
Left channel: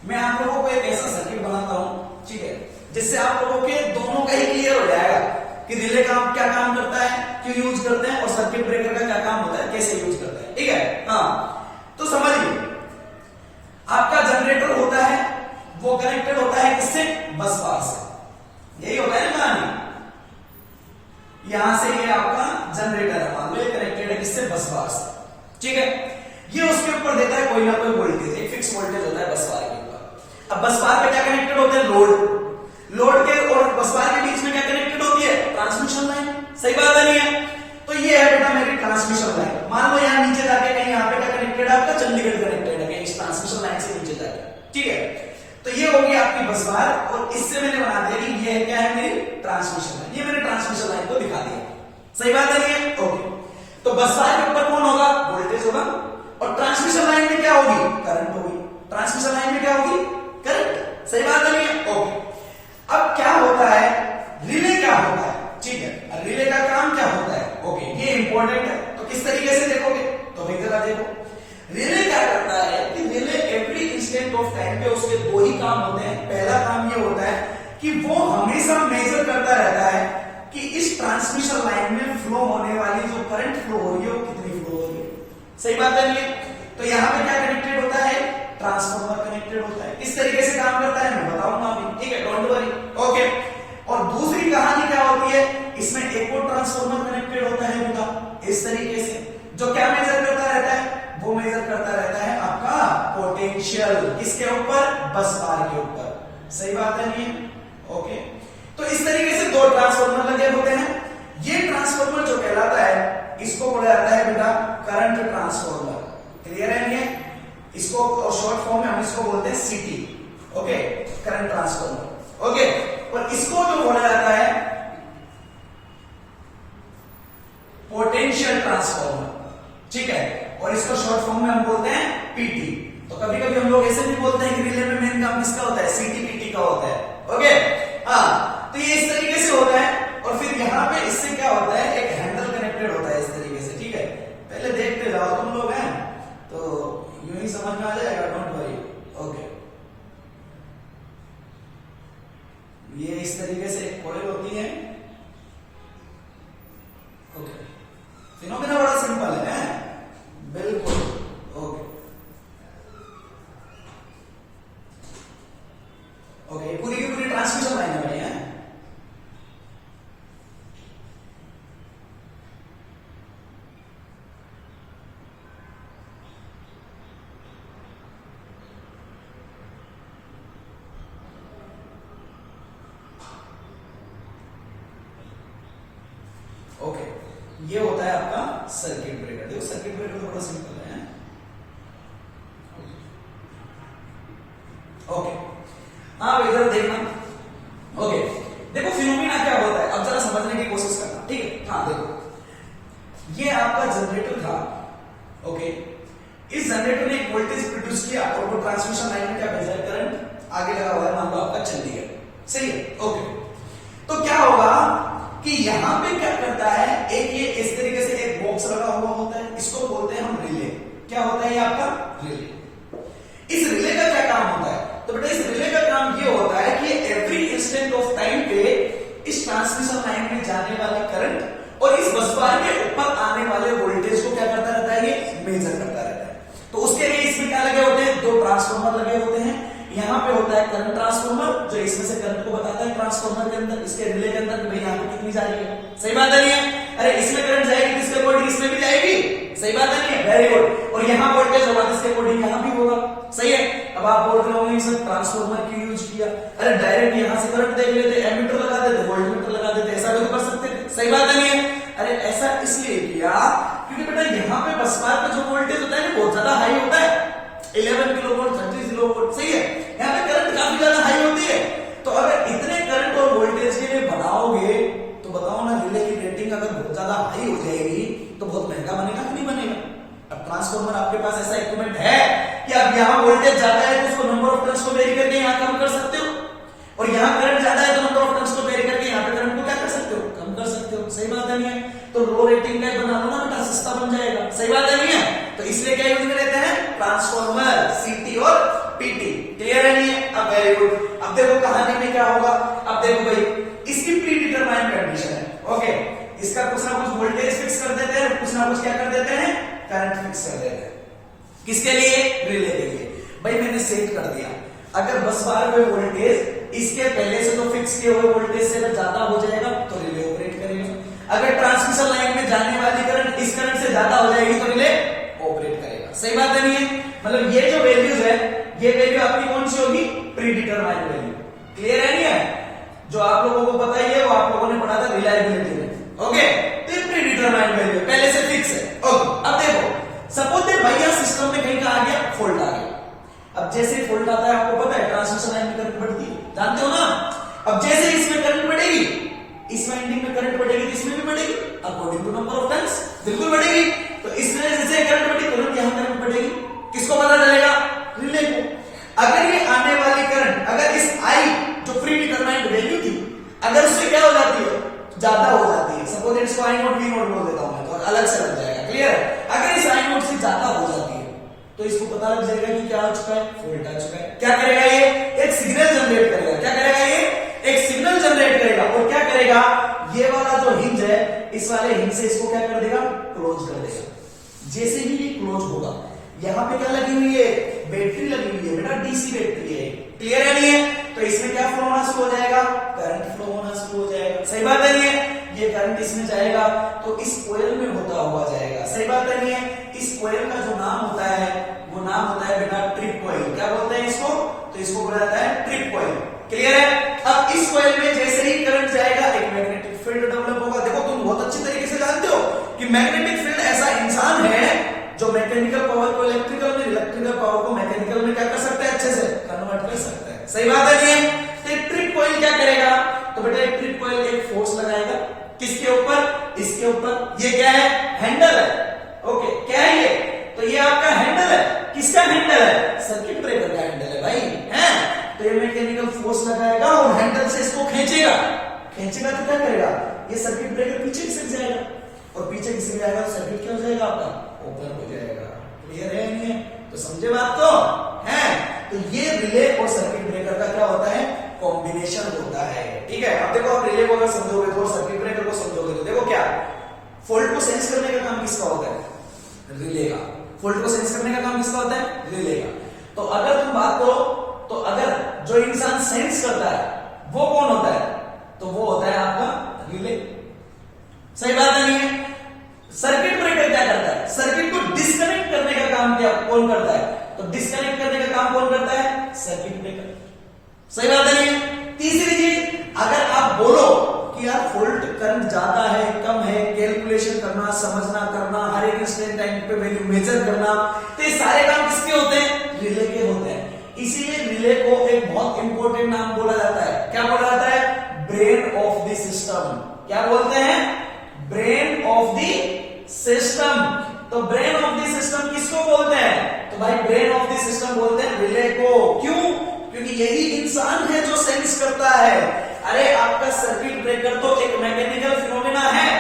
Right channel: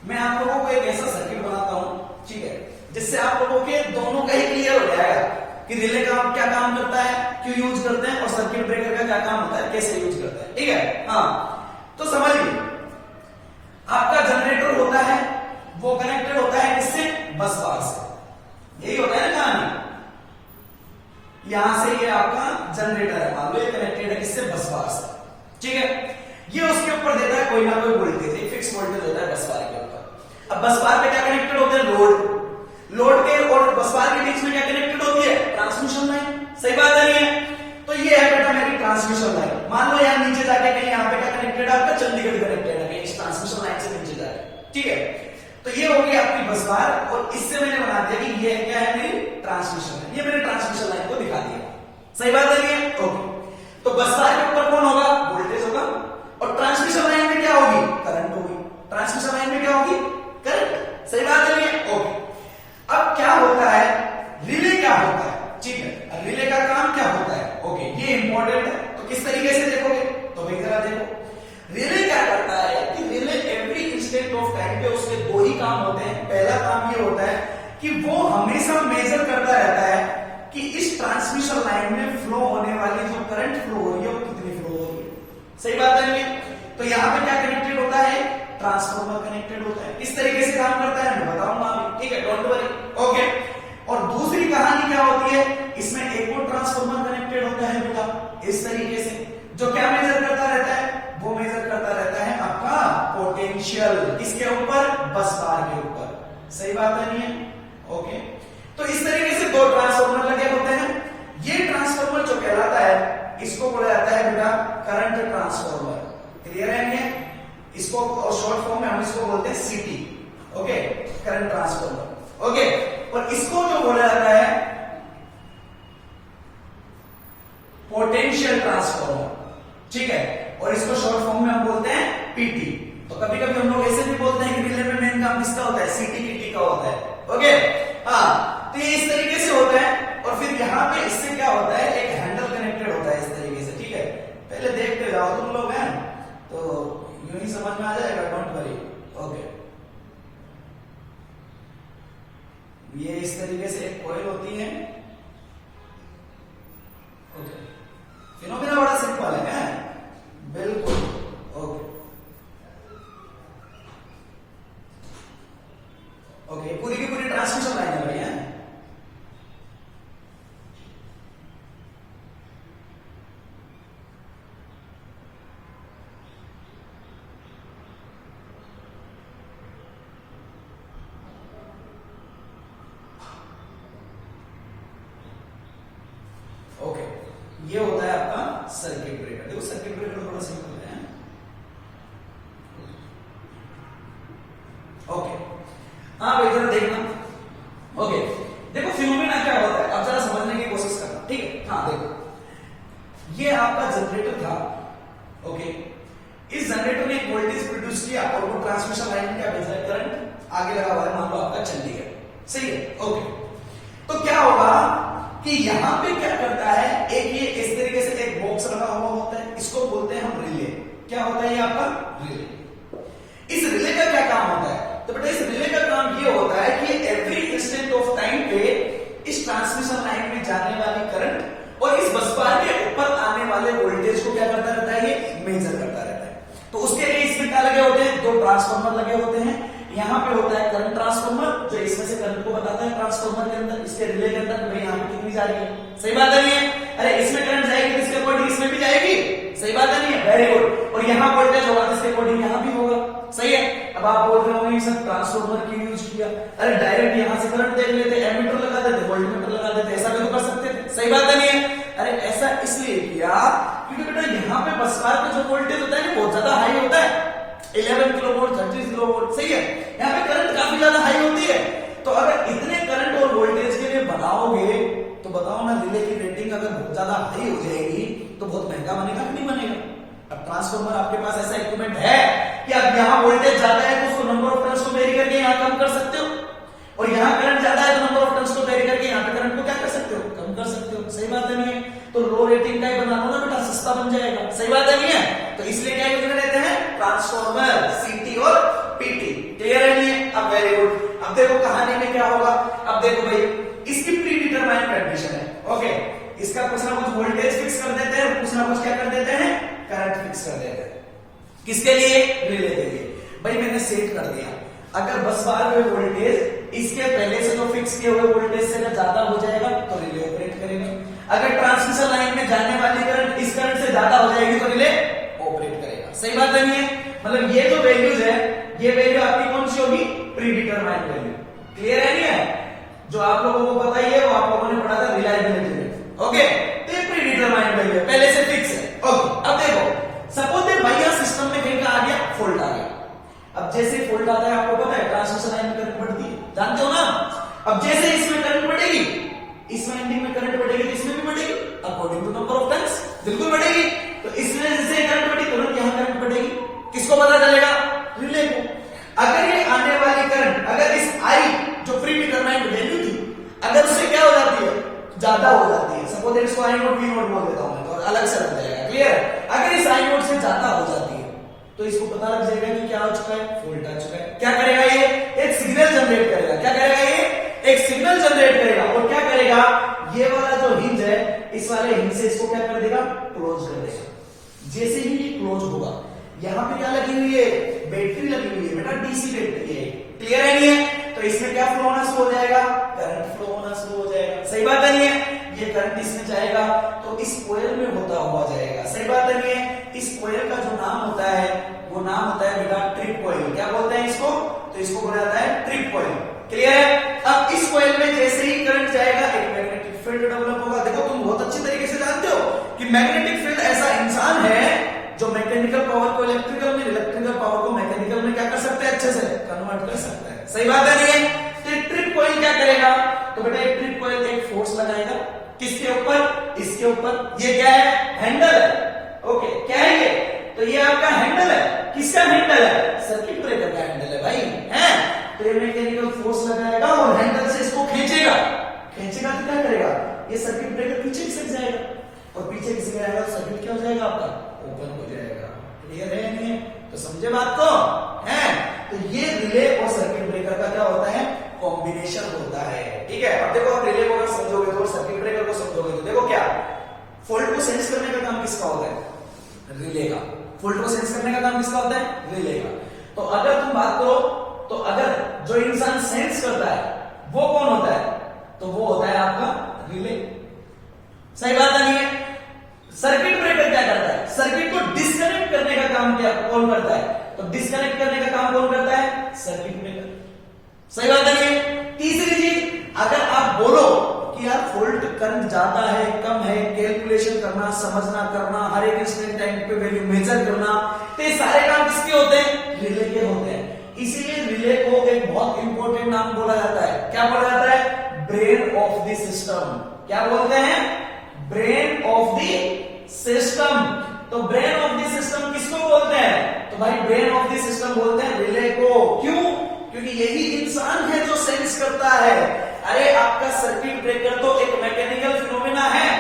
मैं आप लोगों को एक ऐसा सर्किट बनाता हूं, ठीक है, जिससे आप लोगों के दोनों का ही क्लियर हो जाएगा कि रिले का क्या काम करता है, क्यों यूज करते हैं, और सर्किट ब्रेकर का क्या काम होता है, कैसे यूज करते हैं। ठीक है? हाँ, तो समझिए, आपका जनरेटर होता है वो कनेक्टेड होता है किससे? बस बार से। यही होता है ना कहानी। यहां से ये आपका जनरेटर है, मान लो ये कनेक्टेड है किससे? बस बार से। ठीक है? ये उसके ऊपर देता है कोई ना कोई वोल्टेज, एक फिक्स वोल्टेज होता है बस बार के ऊपर। अब बस बार पे क्या कनेक्टेड होते हैं? लोड। लोड के और बस बार के बीच में क्या कनेक्टेड होती है? Transmission line. सही बात है नहीं है? तो ये है बेटा मेरी ट्रांसमिशन लाइन। मान लो यहां नीचे जाके कहीं यहाँ पे क्या कनेक्टेड है? आपका चंडीगढ़ कनेक्टेड है इस ट्रांसमिशन लाइन से नीचे जाके। ठीक है? तो ये होगी आपकी बस बार, और इससे मैंने बना दिया कि ये क्या है? मेरी ट्रांसमिशन लाइन। ये मैंने ट्रांसमिशन लाइन को दिखा दिया। सही बात है नहीं है? ओके, तो बस बार के ऊपर कौन होगा? वोल्टेज होगा, और ट्रांसमिशन लाइन में क्या होगी? करंट होगी। ट्रांसमिशन लाइन में क्या होगी? करंट। सही बात है नहीं है? ओके, अब क्या होता है? रिले क्या होता है? ठीक है, रिले का काम क्या होता है? ओके, ये इंपॉर्टेंट है। तो किस तरीके से देखोगे? तो भाई जरा देखो, रिले क्या करता है कि relay every instant of time पे उसके दो ही काम होते हैं। पहला काम ये होता है कि वो हमेशा मेजर करता रहता है कि इस ट्रांसमिशन लाइन में फ्लो होने वाली जो करंट फ्लो हो रही है वो कितनी फ्लो हो रही है। सही बात है नहीं? तो यहाँ पे क्या कनेक्टेड होता है, ट्रांसफार्मर कनेक्टेड होता है। इस तरीके से काम करता है, मैं बताऊंगा अभी, ठीक है, डोंट वरी, ओके। और दूसरी कहानी क्या होती है, इसमें एक और ट्रांसफार्मर कनेक्टेड होता है बेटा, इस तरीके से, जो क्या मेजर करता रहता है, वो मेजर करता रहता है आपका पोटेंशियल, किसके ऊपर, बस बार के ऊपर। सही बात है नहीं है? ओके। तो इस तरीके से दो ट्रांसफार्मर लगे होते हैं। ये ट्रांसफार्मर जो कहलाता है, इसको बोला जाता है बेटा करंट ट्रांसफार्मर। क्लियर है नहीं? इसको शॉर्ट फॉर्म में हम इसको बोलते हैं सीटी, ओके, करंट ट्रांसफार्मर, ओके। और इसको जो बोला जाता है पोटेंशियल ट्रांसफार्मर, ठीक है, और इसको शॉर्ट फॉर्म में हम बोलते हैं पीटी। तो कभी कभी हम लोग ऐसे भी बोलते हैं कि रिले में मेन काम किसका होता है, सीटी पीटी का होता है, ओके। हाँ, तो ये इस तरीके से होता है। और फिर यहाँ पे इससे क्या होता है, एक हैंडल कनेक्टेड होता है इस तरीके से, ठीक है। पहले देखते जाओ, तुम लोग हैं तो यूं ही समझ में आ जाएगा, डोंट वरी, ओके। ये इस तरीके से एक कॉइल होती है, ओके। फिनोमेना बड़ा सिंपल है, बिल्कुल, ओके ओके। पूरी की पूरी ट्रांसमिशन लाइन है भैया। ओके, ये होता है आपका सर्किट ब्रेकर। देखो सर्किट ब्रेकर थोड़ा सिंपल है, ओके। हाँ भाई जरा देखना, ओके। देखो फिनोमेना क्या होता है, अब जरा समझने की कोशिश करना, ठीक है। हाँ देखो, ये आपका जनरेटर था, ओके। इस जनरेटर ने एक वोल्टेज प्रोड्यूस किया और वो ट्रांसमिशन लाइन में क्या भेजा है, करंट आगे लगा हुआ है, मान लो आपका चल दिया, सही है, ओके। तो क्या होगा कि यहां पे क्या करता है, एक ये इस तरीके से एक बॉक्स लगा हुआ होता है, इसको बोलते हैं हम रिले। क्या होता है ये आपका रिले। इस रिले का क्या काम होता है, तो बेटा इस रिले का काम ये होता है कि एवरी इंस्टेंट ऑफ टाइम पे इस ट्रांसमिशन लाइन में जाने वाले करंट और इस बस बार के ऊपर आने वाले वोल्टेज को क्या करता रहता है, ये मेजर करता रहता है। तो उसके लिए इसमें क्या लगे होते हैं, दो ट्रांसफार्मर लगे होते हैं। यहाँ पे होता है करंट ट्रांसफार्मर, जो इसमें से करंट को बताता है ट्रांसफार्मर के अंदर, इसके रिले के अंदर, भाई यहाँ पे कितनी जा रही है। सही बात है नहीं है? अरे इसमें करंट जाएगी किसके अकॉर्डिंग, इसमें भी जाएगी। सही बात है नहीं है? Very good. और यहाँ वोल्टेज होगा किसके अकॉर्डिंग, यहाँ भी होगा। सही है। अब आप बोल रहे होंगे सर ट्रांसफार्मर क्यों यूज किया, अरे डायरेक्ट यहाँ से करंट देख लेते, एमीटर लगा देते, वोल्टमीटर लगा देते, ऐसा भी तो कर सकते थे। सही बात है नहीं है? अरे ऐसा इसलिए किया क्योंकि बेटा यहाँ पे बस बार का जो वोल्टेज होता है बहुत ज्यादा हाई होता है, 11 किलोवोल्ट 30 किलोवोल्ट, सही है। यहाँ पे करंट काफी ज्यादा हाई होती है। तो अगर इतने करंट और वोल्टेज के लिए बनाओगे तो बताओ ना, रिले की रेटिंग अगर बहुत ज्यादा हाई हो जाएगी तो बहुत महंगा बनेगा कि नहीं बनेगा। अब ट्रांसफार्मर आपके पास ऐसा इक्विपमेंट है कि अब यहाँ वोल्टेज ज्यादा है तो उसको नंबर ऑफ टर्न्स को वेरी करके यहाँ कम कर सकते हो, और यहाँ करंट ज्यादा है तो नंबर ऑफ टर्न्स को वेरी करके यहाँ पे करंट को क्या कर सकते हो, कम कर सकते हो। सही बात है नहीं है? तो लो रेटिंग का बना लो ना बेटा, सस्ता बन जाएगा। सही बात है नहीं है? तो इसलिए क्या यूज में लेते हैं, ट्रांसफार्मर, सीटी और पीटी। क्लियर है नहीं है? अब वेरी गुड। अब देखो कहानी में क्या होगा, अब देखो भाई इसकी प्री डिटरमाइंड कंडीशन है, ओके। इसका कुछ ना कुछ वोल्टेज फिक्स कर देते हैं, कुछ ना कुछ क्या कर देते हैं, करंट फिक्स कर देते हैं। किसके लिए, रिले के लिए। भाई मैंने सेट कर दिया, अगर बस बार में वोल्टेज इसके पहले से तो फिक्स किए हुए वोल्टेज से अगर ज्यादा हो जाएगा तो रिले ऑपरेट करेगा। अगर ट्रांसमिशन लाइन में जाने वाली करंट इस करंट से ज्यादा हो जाएगी तो रिले ऑपरेट करेगा। सही बात है नहीं है? मतलब ये जो वैल्यूज है, ये वैल्यू आपकी कौन सी होगी, प्री डिटरमाइंड वैल्यू। क्लियर है नहीं है? जो आप लोगों को पता ही है, वो आप लोगों ने पढ़ा था रिलायबिलिटी में, ओके। तो ये प्री डिटरमाइंड वैल्यू पहले से फिक्स है, ओके। अब देखो सपोज दैट भैया सिस्टम में कहीं का आ गया फॉल्ट आ गया। अब जैसे फॉल्ट आता है, आपको पता है ट्रांसमिशन लाइन में करंट बढ़ती है, जानते हो ना। अब जैसे इसमें करंट बढ़ेगी, इसमें एंडिंग में करंट बढ़ेगी तो इसमें भी बढ़ेगी, according to number of turns, बिल्कुल बढ़ेगी। तो इसमें जैसे करंट बढ़ी, तुरंत यहां करंट बढ़ेगी, किसको पता चलेगा, रिले को। अगर ये आने वाली करंट अगर इस आई जो प्री डिटरमाइंड वैल्यू थी, अगर उससे क्या हो जाती है, ज्यादा हो जाती है, सपोज दैट इसको आई नोट वी नोट बोल देता हूं मैं, तो अलग से लग जाएगा। क्लियर है? अगर इस आई नोट से ज्यादा हो जाती है तो इसको पता लग जाएगा कि क्या हो चुका है, फॉल्ट आ चुका है। क्या करेगा ये, एक सिग्नल जनरेट करेगा। क्या करेगा ये, एक सिग्नल जनरेट करेगा। और क्या करेगा, ये वाला वाले हिंग से इसको क्या कर देगा, क्लोज कर देगा। जैसे ही ये क्लोज होगा, यहाँ पे क्या लगी हुई है, बैटरी लगी हुई है बेटा, डीसी बैटरी है, क्लियर है नहीं है? तो इसमें क्या फ्लो होना शुरू हो जाएगा, करंट फ्लो होना शुरू हो जाएगा, सही बात है नहीं है? ये करंट इसमें जाएगा तो इस कोयल में होता हुआ जाएगा, सही बात है नहीं है? इस कोयल का जो नाम होता है वो नाम होता है बेटा ट्रिप कोयल। क्या बोलते हैं इसको, तो इसको बोला जाता है ट्रिप कोयल, क्लियर है? अब इस कोयल में जैसे ही करंट जाएगा एक मैग्नेटिक फील्ड डेवलप होगा। देखो तुम बहुत अच्छी तरीके से जानते हो कि मैग्नेटिक फील्ड ऐसा इंसान है जो मैकेनिकल पावर को इलेक्ट्रिकल में, इलेक्ट्रिकल पावर को मैकेनिकल में क्या कर सकता है, अच्छे से कन्वर्ट कर सकता है, सही बात है नहीं है? तो ट्रिप कोयल क्या करेगा, तो बेटा एक ट्रिप कोयल एक फोर्स लगाएगा, किसके ऊपर, इसके ऊपर। ये क्या है, हैंडल है, ओके, क्या है ये, तो ये आपका हैंडल है, किसका हैंडल है, सर्किट ब्रेकर का हैंडल है भाई, है? तो ये मैकेनिकल फोर्स लगाएगा और हैंडल से इसको खींचेगा, खींचेगा तो क्या करेगा, ये सर्किट ब्रेकर पीछे खिसक जाएगा, और पीछे खिसक जाएगा तो सर्किट क्या हो जाएगा आपका, ओपन हो जाएगा, क्लियर है नहीं है? तो समझे बात को, है? तो ये रिले और सर्किट ब्रेकर का क्या होता है, कॉम्बिनेशन होता है, ठीक है? अब देखो, आप रिले को अगर समझोगे तो सर्किट ब्रेकर को समझोगे तो देखो क्या, फॉल्ट को सेंस करने का काम किसका होता है, रिले का। फॉल्ट को सेंस करने का काम किसका होता है, रिले का। तो अगर तुम बात करो, तो अगर जो इंसान सेंस करता है वो कौन होता है, तो वो होता है आपका रिले, सही बात नहीं है? सर्किट ब्रेकर क्या करता है, सर्किट को डिस्कनेक्ट करने का काम क्या कौन करता है, तो डिस्कनेक्ट करने का काम कौन करता है, सर्किट ब्रेकर, सही बात नहीं है? तीसरी चीज, अगर आप बोलो कि यार फॉल्ट करंट ज्यादा है कम है, कैलकुलेशन करना, समझना, करना, हर एक इंस्टेंट टाइम पे वैल्यू मेजर करना, तो ये सारे काम किसके होते हैं, रिले के होते हैं। इसीलिए रिले को एक बहुत इंपॉर्टेंट नाम बोला जाता है, क्या बोला जाता है, ब्रेन ऑफ द सिस्टम। क्या बोलते हैं, ब्रेन ऑफ द सिस्टम। तो ब्रेन ऑफ द सिस्टम किसको बोलते हैं, तो भाई ब्रेन ऑफ द सिस्टम बोलते हैं रिले को। क्यों, क्योंकि यही इंसान है जो सेंस करता है। अरे आपका सर्किट ब्रेकर तो एक मैकेनिकल फिनोमिना है,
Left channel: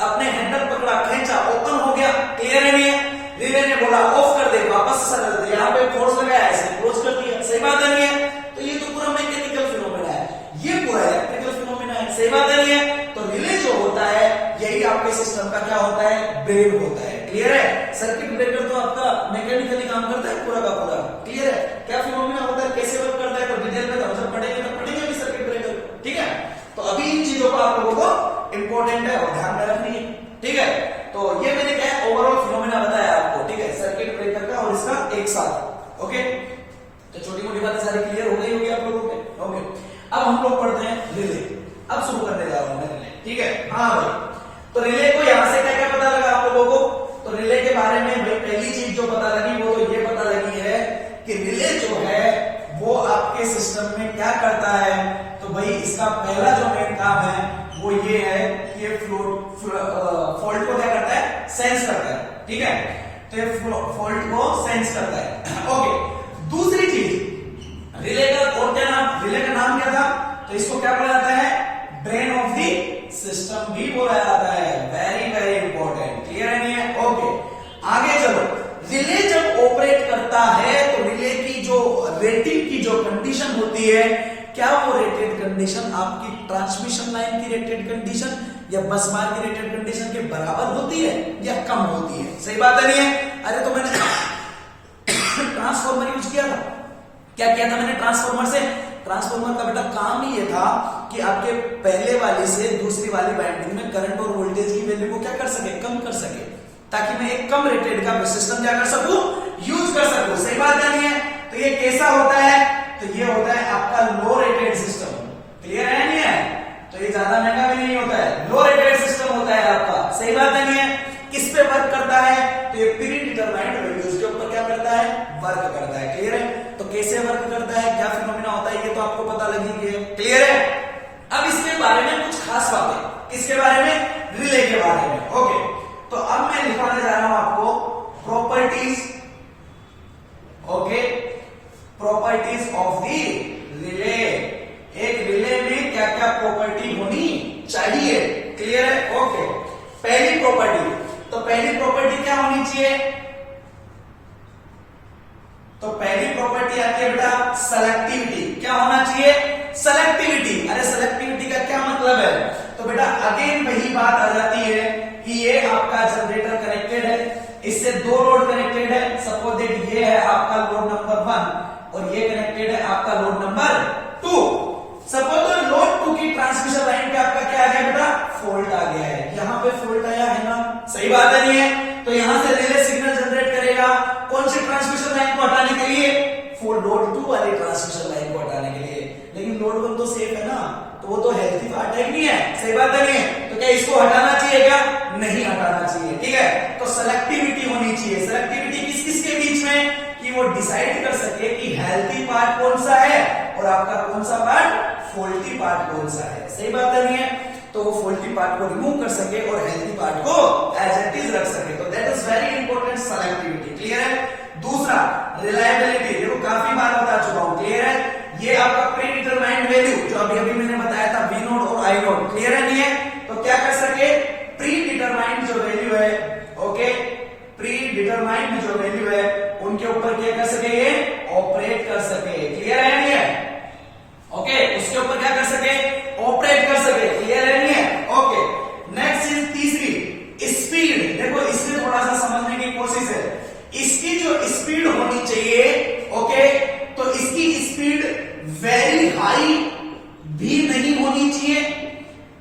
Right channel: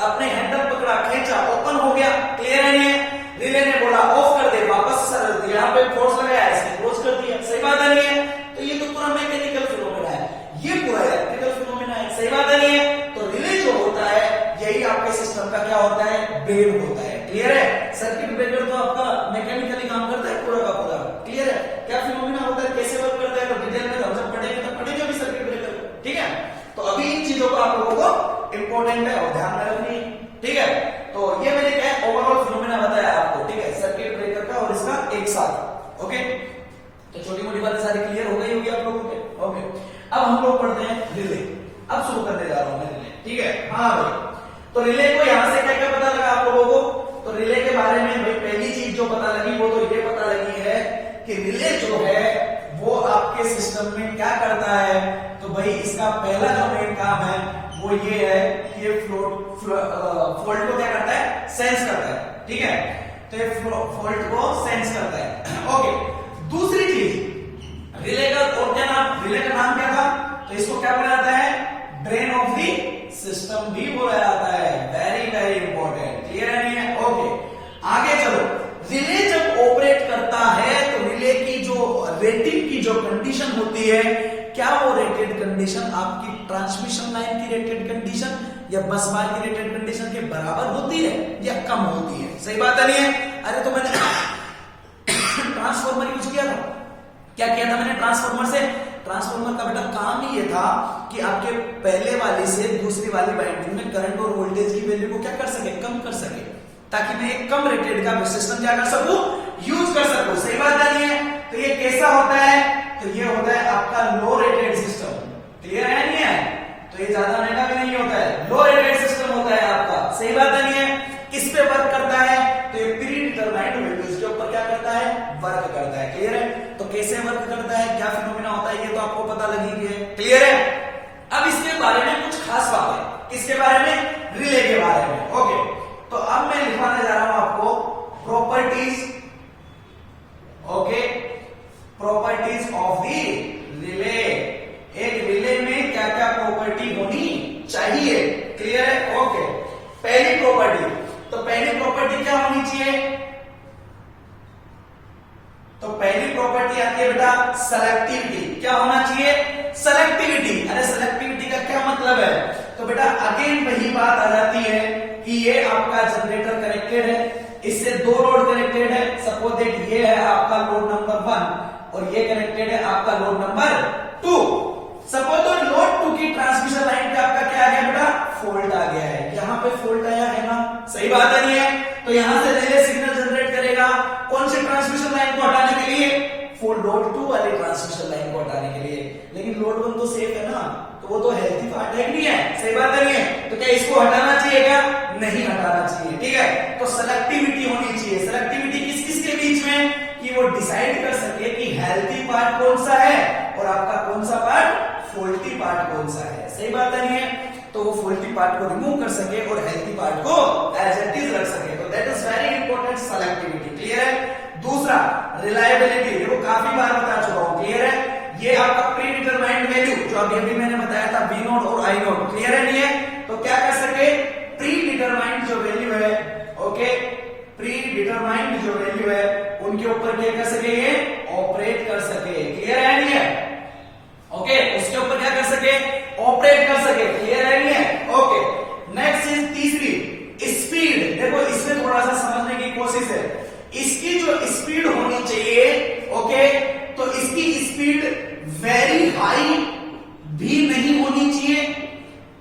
आपने हैंडल पकड़ा, खींचा, ओपन हो गया, क्लियर है नहीं है? रिले ने बोला ऑफ कर दे, वापस सर यहाँ पे फोर्स लगाया, ऐसे क्लोज कर दिया, सही बात है नहीं है? तो ये तो पूरा मैकेनिकल फिनोमिना है, ये पूरा इलेक्ट्रिकल फिनोमिना है, सही बात है नहीं है? तो रिले जो होता है यही आपके सिस्टम का क्या होता है, ब्रेन होता है, क्लियर है? सर्किट ब्रेकर तो आपका मैकेनिकली काम करता है पूरा का पूरा, क्लियर है? क्या फिनोमिना होता है, कैसे वर्क करता है, तो डिटेल में हम जब पढ़ेंगे तो पढ़ेंगे भी सर्किट ब्रेकर, ठीक है? तो अभी इन चीजों को आप लोगों को इंपॉर्टेंट है और ध्यान में रखनी है, ठीक है? तो ये मैंने क्या ओवरऑल फिनोमिना बताया आपको, ठीक है? सर्किट ब्रेकर का और इसका एक साथ, ओके? तो छोटी मोटी बातें सारी क्लियर हो गई होगी आप लोगों के, ओके? अब हम लोग पढ़ते हैं रिले। अब शुरू करने जा रहा हूं मैं रिले, ठीक है? हाँ भाई, तो रिले को यहां से क्या क्या पता लगा आप लोगों को, तो रिले के बारे में भाई पहली चीज जो पता लगी वो तो ये पता लगी है कि रिले जो है वो आपके सिस्टम में क्या करता है, तो भाई इसका पहला जो मेन काम है वो ये है कि ये फॉल्ट को क्या करता है, सेंस करता है, ठीक है? तो ये फॉल्ट को सेंस करता है, ओके? दूसरी चीज, रिले का और क्या नाम, रिले का नाम क्या था, तो इसको क्या बोला जाता है, ब्रेन ऑफ द सिस्टम भी बोला जाता है, वेरी वेरी इंपॉर्टेंट, क्लियर नहीं है? ओके, आगे चलो। रिले जब ऑपरेट करता है तो रिले की जो रेटिंग की जो कंडीशन होती है, क्या वो रेटेड कंडीशन आपकी ट्रांसमिशन लाइन की रेटेड कंडीशन या बस बार की रेटेड कंडीशन के बराबर होती है या कम होती है, सही बात है नहीं है? अरे तो मैंने ट्रांसफॉर्मर यूज किया था, क्या किया था मैंने ट्रांसफॉर्मर से, ट्रांसफॉर्मर का बेटा काम ही ये था कि आपके पहले वाली से दूसरी वाली वाइंडिंग में करंट और वोल्टेज की वैल्यू को क्या कर सके, कम कर सके, ताकि मैं एक कम रेटेड का सिस्टम क्या कर सकूं, यूज कर सकूं, सही बात नहीं है? तो ये कैसा होता है, तो ये होता है आपका लो रेटेड सिस्टम, क्लियर है नहीं है? तो ये ज्यादा महंगा भी नहीं होता है, लो रेटेड सिस्टम होता है आपका, सही बात नहीं है? किस पे वर्क करता है, तो ये प्री डिटरमाइंड वैल्यूज के ऊपर क्या करता है, वर्क करता है, क्लियर है? तो कैसे वर्क करता है, क्या फिनोमिना होता है, ये तो आपको पता लगी है, क्लियर है? अब इसके बारे में कुछ खास बातें, इसके बारे में, रिले के बारे में, ओके? तो अब मैं लिखवाने जा रहा हूं आपको properties, okay? Properties of the relay. एक रिले में क्या क्या प्रॉपर्टी होनी चाहिए, क्लियर है? ओके, पहली प्रॉपर्टी, तो पहली प्रॉपर्टी क्या होनी चाहिए, तो पहली प्रॉपर्टी आती है बेटा सेलेक्टिविटी। क्या होना चाहिए, सेलेक्टिविटी। अरे सेलेक्टिविटी का क्या मतलब है, तो बेटा अगेन वही बात आ जाती है कि ये आपका जनरेटर कनेक्टेड है, इससे दो लोड कनेक्टेड है, सपोज दैट ये है आपका लोड नंबर 1 और ये कनेक्टेड है आपका लोड नंबर 2। सपोज तो लोड 2 की ट्रांसमिशन लाइन पे आपका क्या आ गया बेटा, फॉल्ट आ गया है, यहाँ पे फॉल्ट आया है ना, सही बात है नहीं है? तो यहां से रिले सिग्नल जनरेट करेगा कौन सी ट्रांसमिशन लाइन को हटाने के लिए, लोड 2 वाली ट्रांसमिशन लाइन को हटाने के लिए। लेकिन लोड 1 तो सेफ है ना, तो वो तो हेल्थी पार्ट है नहीं है, सही बात है नहीं है? तो क्या इसको हटाना चाहिए क्या, नहीं हटाना चाहिए, ठीक है? तो सेलेक्टिविटी होनी चाहिए। सेलेक्टिविटी किस किस के बीच में, कि वो डिसाइड कर सके कि हेल्थी पार्ट कौन सा है और आपका कौन सा पार्ट, फॉल्टी पार्ट कौन सा है, सही बात है नहीं है? तो वो फॉल्टी पार्ट को रिमूव कर सके और हेल्थी पार्ट को एज इट इज रख सके। तो that is very important, selectivity. Clear है? दूसरा रिलायबिलिटी, देखो काफी बार बता चुका हूं, क्लियर है? ये आपका प्री डिटरमाइंड वैल्यू जो अभी अभी मैंने बताया था V0 और I0, क्लियर है नहीं है? तो क्या कर सके, प्री डिटरमाइंड जो वैल्यू है, ओके, प्री डिटरमाइंड जो वैल्यू है उनके ऊपर क्या कर सके, ये ऑपरेट कर सके। क्लियर है नहीं है? ओके, उसके ऊपर क्या कर सके, ऑपरेट कर सके। क्लियर है नहीं है? ओके, नेक्स्ट चीज तीसरी, स्पीड। देखो इसमें थोड़ा सा समझने की कोशिश है, इसकी जो स्पीड होनी चाहिए, ओके, तो इसकी स्पीड वेरी हाई भी नहीं होनी चाहिए,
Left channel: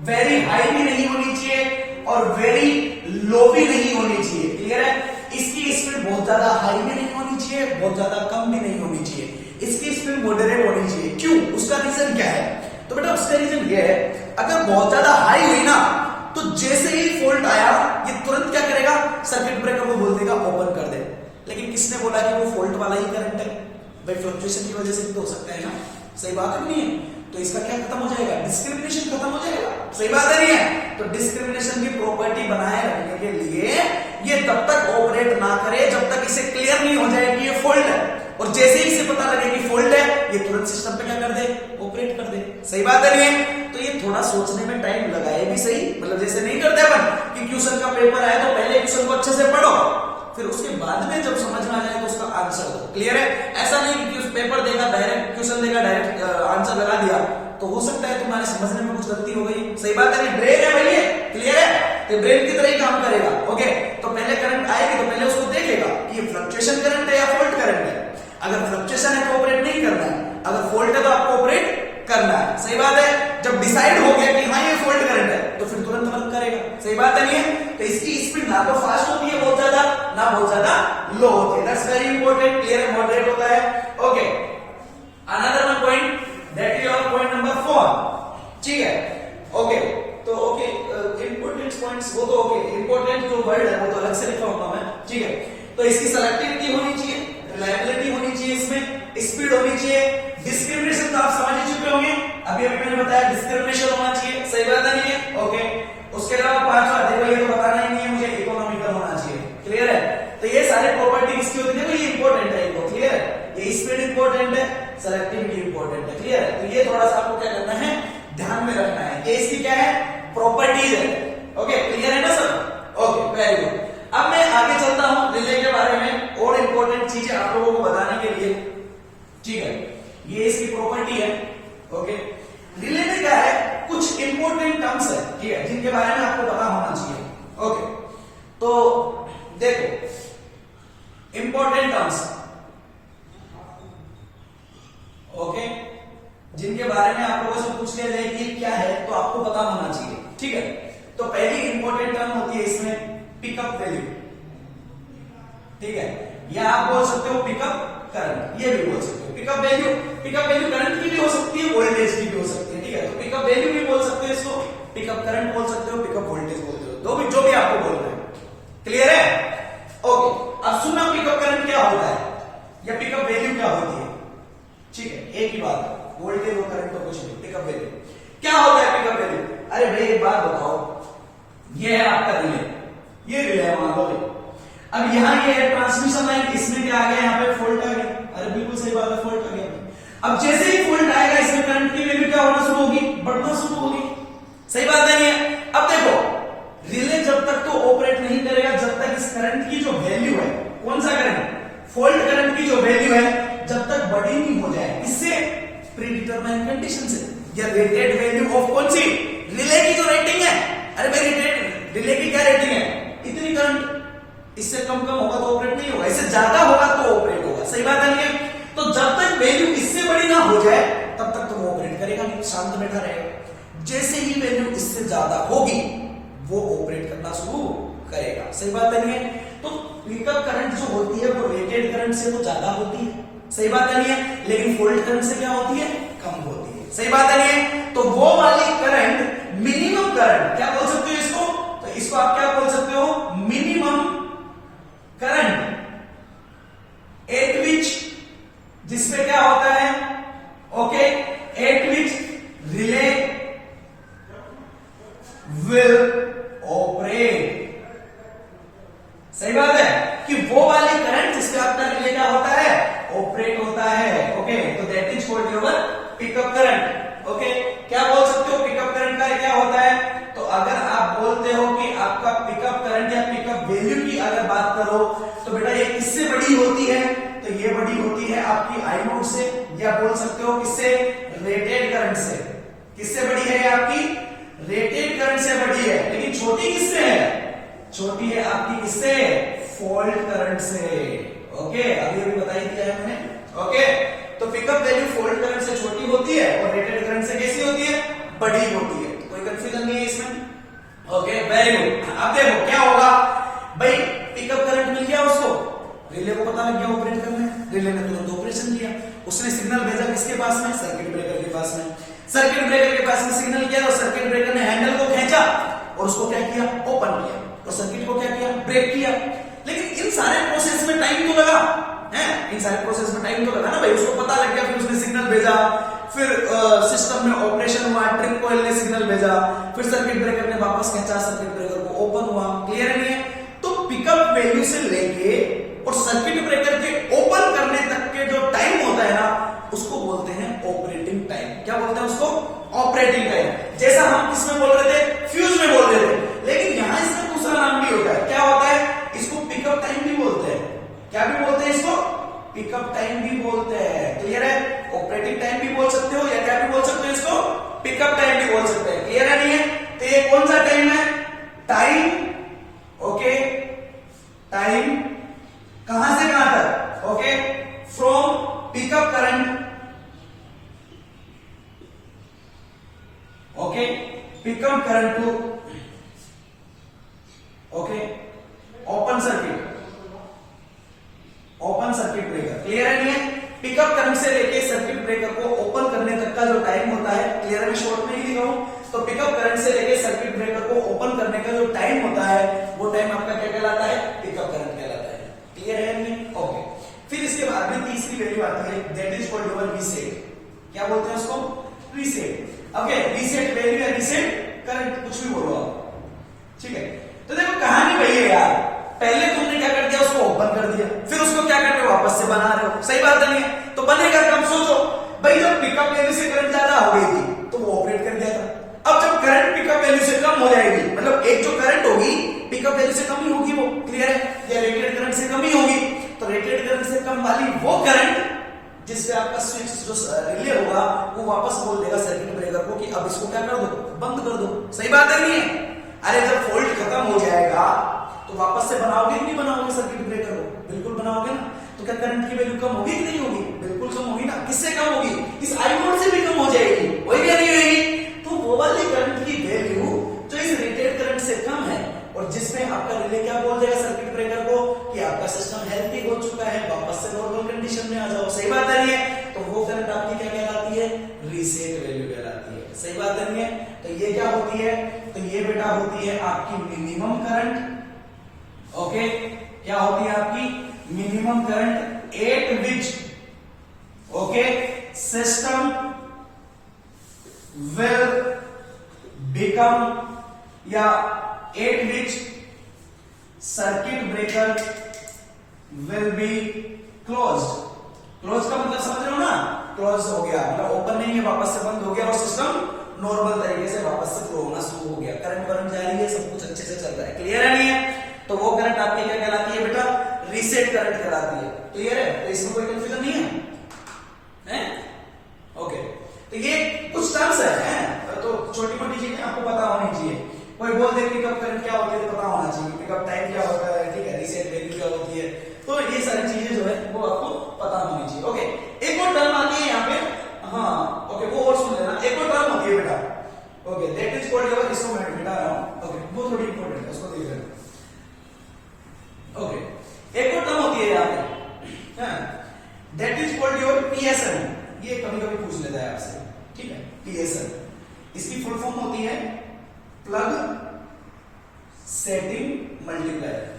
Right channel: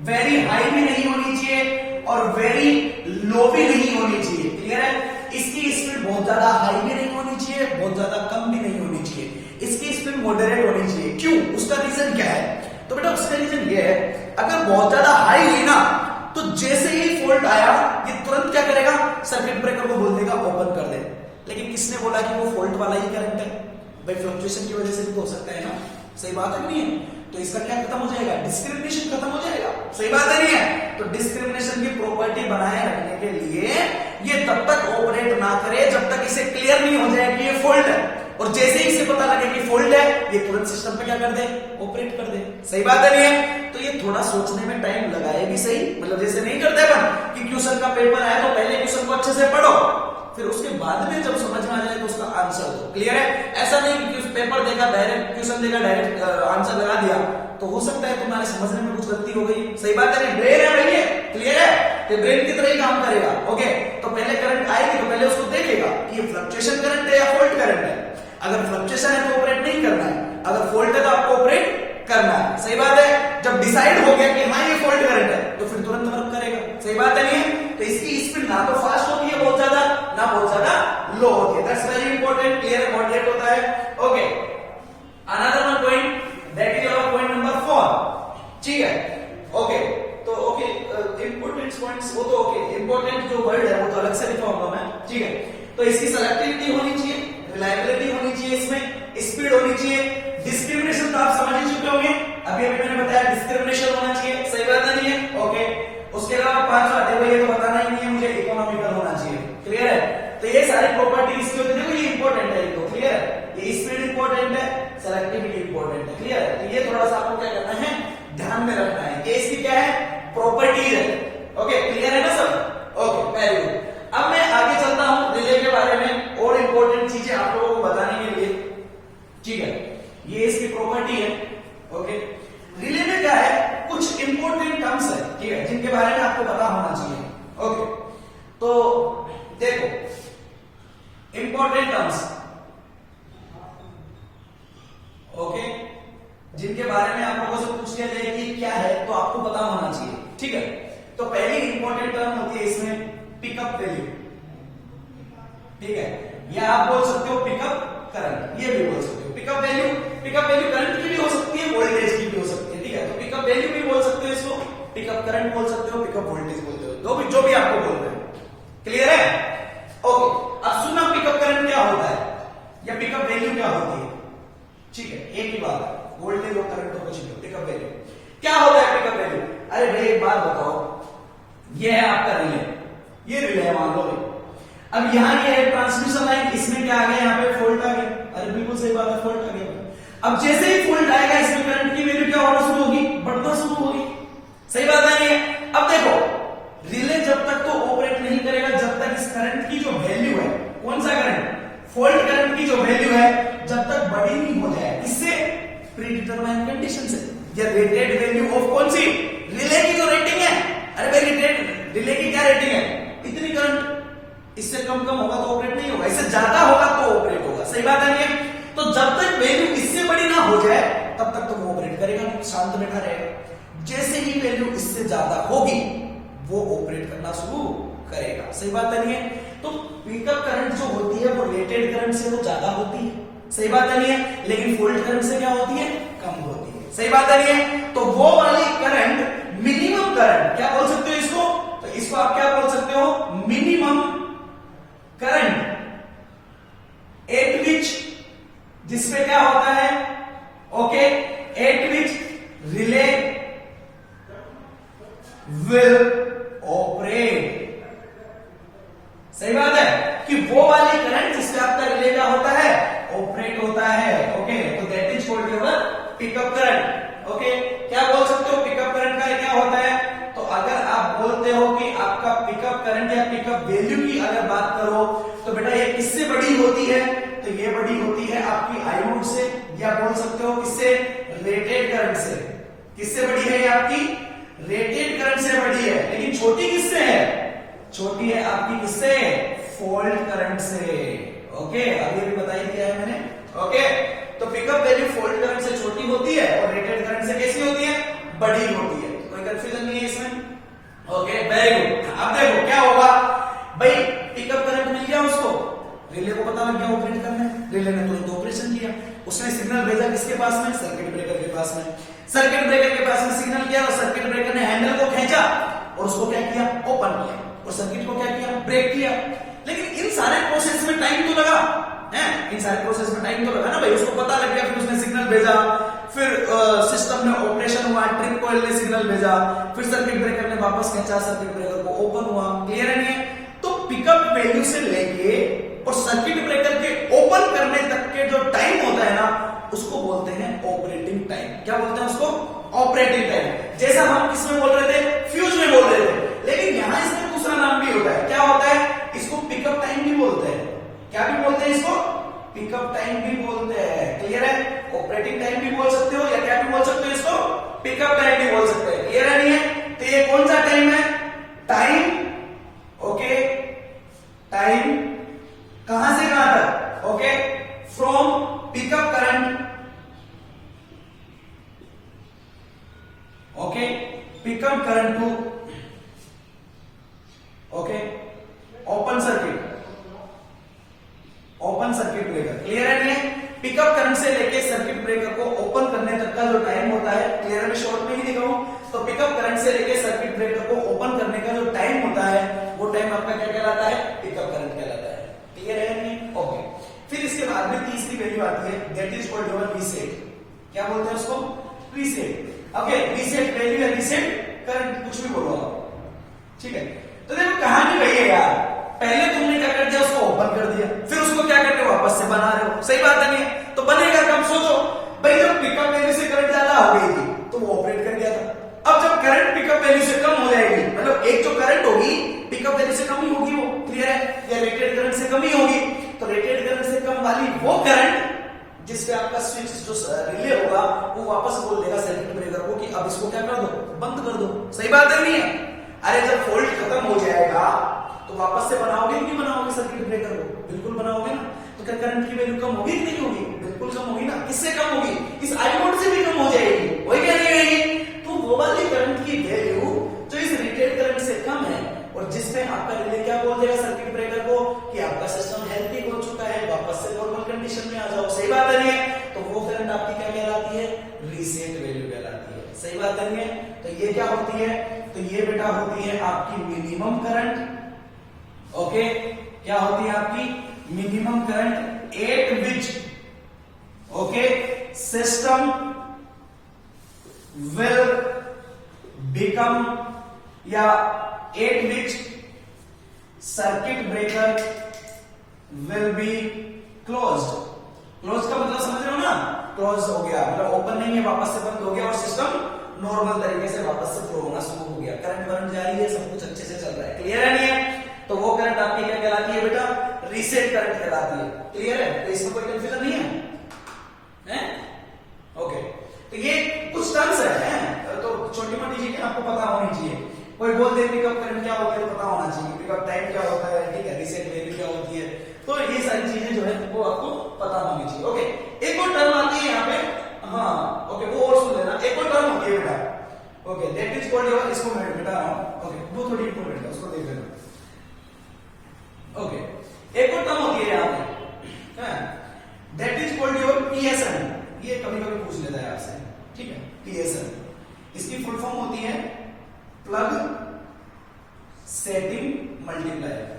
वेरी हाई भी नहीं होनी चाहिए और वेरी लो भी नहीं होनी चाहिए। क्लियर है? इसकी स्पीड बहुत ज्यादा हाई भी नहीं होनी चाहिए, बहुत ज्यादा कम भी नहीं होनी चाहिए, इसकी स्पीड मॉडरेट होनी चाहिए। क्यों? उसका रीजन क्या है? तो बेटा उसका रीजन ये है, अगर बहुत ज्यादा हाई हुई ना, तो जैसे ही फॉल्ट आया ये तुरंत क्या करेगा, सर्किट ब्रेकर को बोल देगा ओपन कर दे। लेकिन किसने बोला कि वो फॉल्ट वाला ही करंट है? भाई फ्लक्चुएशन की वजह से भी तो हो सकता है ना, सही बात है नहीं है? तो इसका क्या खत्म हो जाएगा, डिस्क्रिमिनेशन खत्म हो जाएगा, सही बात है नहीं है? तो डिस्क्रिमिनेशन की प्रॉपर्टी बनाए रखने के लिए ये तब तक ऑपरेट ना करे जब तक इसे क्लियर नहीं हो जाए कि ये फॉल्ट है, और जैसे ही इसे पता लगे कि फॉल्ट है ये तुरंत सिस्टम पे क्या कर दे, ऑपरेट कर दे, सही बात है नहीं है? तो ये थोड़ा सोचने में टाइम लगाए भी सही, मतलब जैसे नहीं करते अपन कि क्वेश्चन का पेपर आया तो पहले क्वेश्चन को अच्छे से पढ़ो, फिर उसके बाद में जब समझ में आ जाए तो उसका आंसर दो। क्लियर है? ऐसा नहीं कि उस पेपर देखा, डायरेक्ट क्वेश्चन देखा, डायरेक्ट आंसर लगा दिया, तो हो सकता है तुम्हारे समझने में कुछ गलती हो गई, सही बात है नहीं? ब्रेन है भाई, क्लियर है? तो ब्रेन की तरह ही काम करेगा। ओके, तो पहले करंट आएगी तो पहले उसको देखेगा ये फ्लक्चुएशन करंट है या फॉल्ट करंट है। अगर फ्लक्चुएशन है तो ऑपरेट नहीं करना है, अगर फॉल्ट है तो आपको ऑपरेट करना है, सही बात है? जब डिसाइड हो गया कि हाँ ये फॉल्ट करंट है तो फिर तुरंत वर्क करेगा, सही बात है नहीं है? तो इसकी स्पीड ना तो फास्ट होती है बहुत ज्यादा, ना बहुत ज्यादा लो होती है। That's very important. Clear, moderate होता है। Okay, another one point, that is your point number 4, ठीक है? ओके, तो ओके, इंपॉर्टेंट पॉइंट्स वो तो ओके, इंपॉर्टेंट जो वर्ड है वो तो अलग से लिखा होगा मैं, ठीक है? तो इसकी सेलेक्टिविटी होनी चाहिए, रिलायबिलिटी होनी चाहिए, इसमें स्पीड होनी चाहिए, डिस्क्रिमिनेशन तो आप समझ ही चुके होंगे, अभी अभी मैंने बताया डिस्क्रिमिनेशन होना चाहिए, सही बात है नहीं है? ओके, उसके अलावा 5वां, देखो ये तो बताना ही नहीं है मुझे, इकोनॉमिकल होना चाहिए। क्लियर है? तो ये सारी प्रॉपर्टी किसकी होती है, देखो ये इंपॉर्टेंट है, ये क्लियर है? ये स्पीड इंपॉर्टेंट है, सेलेक्टिविटी इंपॉर्टेंट है, क्लियर है? तो ये थोड़ा सा आपको क्या करना है, ध्यान में रखना है, ये इसकी क्या है, प्रॉपर्टीज है। ओके, क्लियर है ना सब? Okay, very good. अब मैं आगे चलता हूं रिले के बारे में और इंपॉर्टेंट चीजें आप लोगों को बताने के लिए, ठीक है? ये इसकी प्रॉपर्टी है। ओके, रिले में क्या है, कुछ इंपॉर्टेंट टर्म्स है, ठीक है, जिनके बारे में आपको पता होना चाहिए। ओके, तो देखो इंपॉर्टेंट टर्म्स, ओके, जिनके बारे में आप लोगों से पूछ लिया जाए कि क्या है तो आपको पता होना चाहिए, ठीक है? तो पहली इंपॉर्टेंट टर्म होती है इसमें पिकअप वैल्यू, ठीक है? या आप बोल सकते हो पिकअप करंट, ये भी बोल सकते हो। पिकअप वैल्यू करंट की भी हो सकती है, वोल्टेज की भी हो सकती है, ठीक है? तो पिकअप वैल्यू भी बोल सकते हो इसको, पिकअप करंट बोल सकते हो, पिकअप वोल्टेज बोलते हो, जो भी आपको बोलना है। क्लियर है? ओके, अब सुनना पिकअप करंट क्या होता है या पिकअप वैल्यू क्या होती है, ठीक है? एक ही बात है, वोल्टेज और करंट तो कुछ नहीं, पिकअप वैल्यू क्या होता है, पिकअप वैल्यू। अरे भाई एक बात बताओ, ये है आपका रिले, ये रिले है मान लो भाई, अब यहाँ ये है ट्रांसमिशन लाइन, इसमें क्या आ गया, यहाँ पे फॉल्ट आ गया, अरे बिल्कुल सही बात है, फॉल्ट आ गया। अब जैसे ही फॉल्ट आएगा इसमें करंट की वैल्यू क्या होना शुरू होगी, बढ़ना शुरू होगी, सही बात है नहीं है? अब देखो रिले जब तक तो ऑपरेट नहीं करेगा जब तक इस करंट की जो वैल्यू है, कौन सा करंट, फॉल्ट करंट की जो वैल्यू है जब तक बड़ी नहीं हो जाए, इससे प्री डिटरमाइंड कंडीशन से, या रेटेड वैल्यू ऑफ कौन सी, रिले की जो रेटिंग है। अरे भाई रिले की क्या रेटिंग है, इतनी करंट, इससे कम कम होगा तो ऑपरेट नहीं होगा, इससे ज्यादा होगा तो ऑपरेट होगा। सही बात है नहीं? तो जब तक वैल्यू इससे बड़ी ना हो जाए तब तक तो वो ऑपरेट करेगा नहीं, शांत बैठा रहेगा। जैसे ही वैल्यू इससे ज्यादा होगी वो ऑपरेट करना शुरू करेगा। सही बात है नहीं है? तो पिकअप करंट जो होती है वो रेटेड करंट से वो ज्यादा होती है। सही बात है नहीं है? लेकिन फुल करंट से क्या होती है, कम होती है। सही बात है नहीं है? तो वो वाली करंट मिनिमम करंट क्या बोल सकते हो इसको, तो इसको आप क्या बोल सकते हो, मिनिमम करंट एट विच, जिसमें क्या होता है, okay, eight which relay will operate. सही बात है कि वो वाली करंट जिसमें आपका रिले का होता है ऑपरेट होता है। ओके, तो that is called your pickup current. Okay, क्या बोल सकते हो पिकअप करंट का क्या होता है, तो अगर आप बोलते हो कि आपका पिकअप करंट या पिकअप वैल्यू की अगर बात करो तो बेटा ये किससे बड़ी होती है, तो ये बड़ी होती है आपकी आई नोड से, या बोल सकते हो किससे, रेटेड करंट से। किससे बड़ी है ये आपकी, रेटेड करंट से बड़ी है। लेकिन छोटी किससे है, छोटी है आपकी किससे, फॉल्ट करंट से। ओके, अभी भी बताई दिया है मैंने। ओके, तो पिकअप वैल्यू फॉल्ट करंट से छोटी होती है और रेटेड करंट से कैसी होती है, बड़ी होती है। कोई कंफ्यूजन नहीं है इसमें। Okay, very good. अब देखो क्या होगा भाई, पिकअप करंट मिल गया उसको, रिले को पता लग गया ऑपरेट करने, रिले ने तुरंत ऑपरेशन किया, उसने सिग्नल भेजा किसके पास में, सर्किट ब्रेकर के पास में। सर्किट ब्रेकर के पास में सिग्नल किया और सर्किट ब्रेकर ने हैंडल को खींचा और उसको क्या किया, ओपन किया, और सर्किट को क्या किया, ब्रेक किया। लेकिन इन सारे प्रोसेस में टाइम तो लगा है, इन सारे प्रोसेस में टाइम तो लगा ना भाई, उसको पता लग गया, फिर उसने सिग्नल भेजा, फिर सिस्टम में ऑपरेशन हुआ, ट्रिप कॉइल ने सिग्नल भेजा, फिर सर्किट ब्रेकर ने वापस खींचा, सर्किट ब्रेकर को ओपन हुआ। क्लियर है नहीं है? तो पिकअप वैल्यू से लेके और सर्किट ब्रेकर के ओपन करने तक के जो टाइम होता है ना, उसको बोलते हैं ऑपरेटिंग टाइम। क्या बोलते हैं उसको, ऑपरेटिंग टाइम। जैसा हम किसमें बोल रहे थे, फ्यूज में बोल रहे थे, लेकिन यहां इसका दूसरा नाम भी होता है। क्या होता है, इसको पिकअप टाइम भी बोलते हैं। क्या भी बोलते हैं इसको, पिकअप टाइम भी बोलते हैं। क्लियर है? ऑपरेटिंग टाइम भी बोल सकते हो या क्या भी बोल सकते हो इसको, पिकअप टाइम भी बोल सकते हैं। क्लियर है नहीं है? तो ये कौन सा टाइम है, टाइम। ओके, टाइम कहां से कहां तक, okay, from pickup current, okay, pickup current to, okay, open circuit, open circuit breaker. Clear है नहीं है? पिकअप करंट से लेके सर्किट ब्रेकर को ओपन करने तक का जो टाइम होता है, क्लियर है, शॉर्ट में ही लिखा हूं, तो पिकअप करंट से लेके सर्किट ब्रेकर को ओपन करने का जो टाइम होता है वो टाइम आपका क्या कहलाता है, पिकअप करंट कहलाता है। क्लियर है नहीं? ओके, फिर इसके बाद में तीसरी वैल्यू आती है, that is called your reset. क्या बोलते हैं उसको, रीसेट। ओके, रीसेट वैल्यू या रीसेट करंट, कुछ भी बोलो आप, ठीक है। तो देखो कहानी वही है यार, पहले तुमने क्या कर दिया, उसको ओपन कर दिया, फिर उसको क्या करके वापस से बना रहे हो। सही बात है नहीं? तो बनेगा कब, सोचो भाई, जब पिकअप वैल्यू से करंट ज्यादा हो गई थी तो वो ऑपरेट कर दिया था। अब जब करंट पिकअप वैल्यू से कम हो जाएगी, मतलब एक जो करंट होगी पिकअप वैल्यू से कम ही होगी वो, क्लियर है, या रेटेड करंट से कम ही होगी, तो रेटेड करंट से कम वाली वो करंट जिससे आपका स्विच जो रिले होगा वो वापस बोल देगा सर्किट ब्रेकर को कि अब इसको क्या कर दो, बंद कर दो। सही बात है नहीं है? अरे जब फॉल्ट खत्म हो जाएगा तो वापस से बनाओगे नहीं बनाओगे सर्किट ब्रेकर को, बिल्कुल बनाओगे ना। तो क्या करंट की वैल्यू कम होगी कि नहीं होगी, बिल्कुल कम होगी ना। किससे कम होगी, इस आई नोड से भी कम हो जाएगी, वही क्या नहीं रहेगी। तो वो वाली करंट की वैल्यू जो इस रेटेड करंट से कम है और जिसमें आपका रिले क्या बोल देगा सर्किट ब्रेकर को कि आपका सिस्टम हेल्थी हो चुका है, वापस से नॉर्मल कंडीशन में आ जाओ। सही बात है नहीं है? तो वो करंट आपकी क्या कहलाती है, रीसेट वैल्यू कहलाती है। सही बात है नहीं है? तो ये क्या होती है, तो ये बेटा होती है आपकी मिनिमम करंट। ओके, क्या होती है आपकी minimum current at which, okay, system will become, या at which circuit breaker will be closed. Close का मतलब समझ रहे हो ना, क्लोज हो गया मतलब ओपन नहीं है, वापस से बंद हो गया और सिस्टम नॉर्मल तरीके से वापस से फ्लो होना शुरू हो गया, करंट वरंट जा रही है, सब कुछ अच्छे से चल रहा है। क्लियर है नहीं है? तो वो करंट आपकी क्या कहलाती है बेटा, रीसेट करंट कहलाती है। क्लियर है? तो इसमें कोई कंफ्यूजन नहीं है? ओके, तो ये कुछ टर्म्स है, तो छोटी मोटी चीजें आपको पता होनी चाहिए। कोई बोल दे पिकअप करंट क्या होती है तो पता होना चाहिए, पिकअप टाइम क्या होता है, ठीक है, रीसेट वैल्यू क्या होती है, तो ये सारी चीजें जो है वो आपको पता होनी चाहिए। ओके, एक और टर्म आती है यहाँ पे, हाँ ओके, वो और सुन लेना, एक और टर्म होती है बेटा, okay, that is called your, इसको मैं मिटा रहा हूं, ओके, वो थोड़ी इंपॉर्टेंट है, उसको देख लेना। ओके, एक और टर्म होती है यहाँ पे, that is called your PSN, ये कभी कभी पूछ लेता है आपसे, ठीक है, पीएसएन, इसकी फुल फॉर्म होती है प्लग सेटिंग मल्टीप्लायर।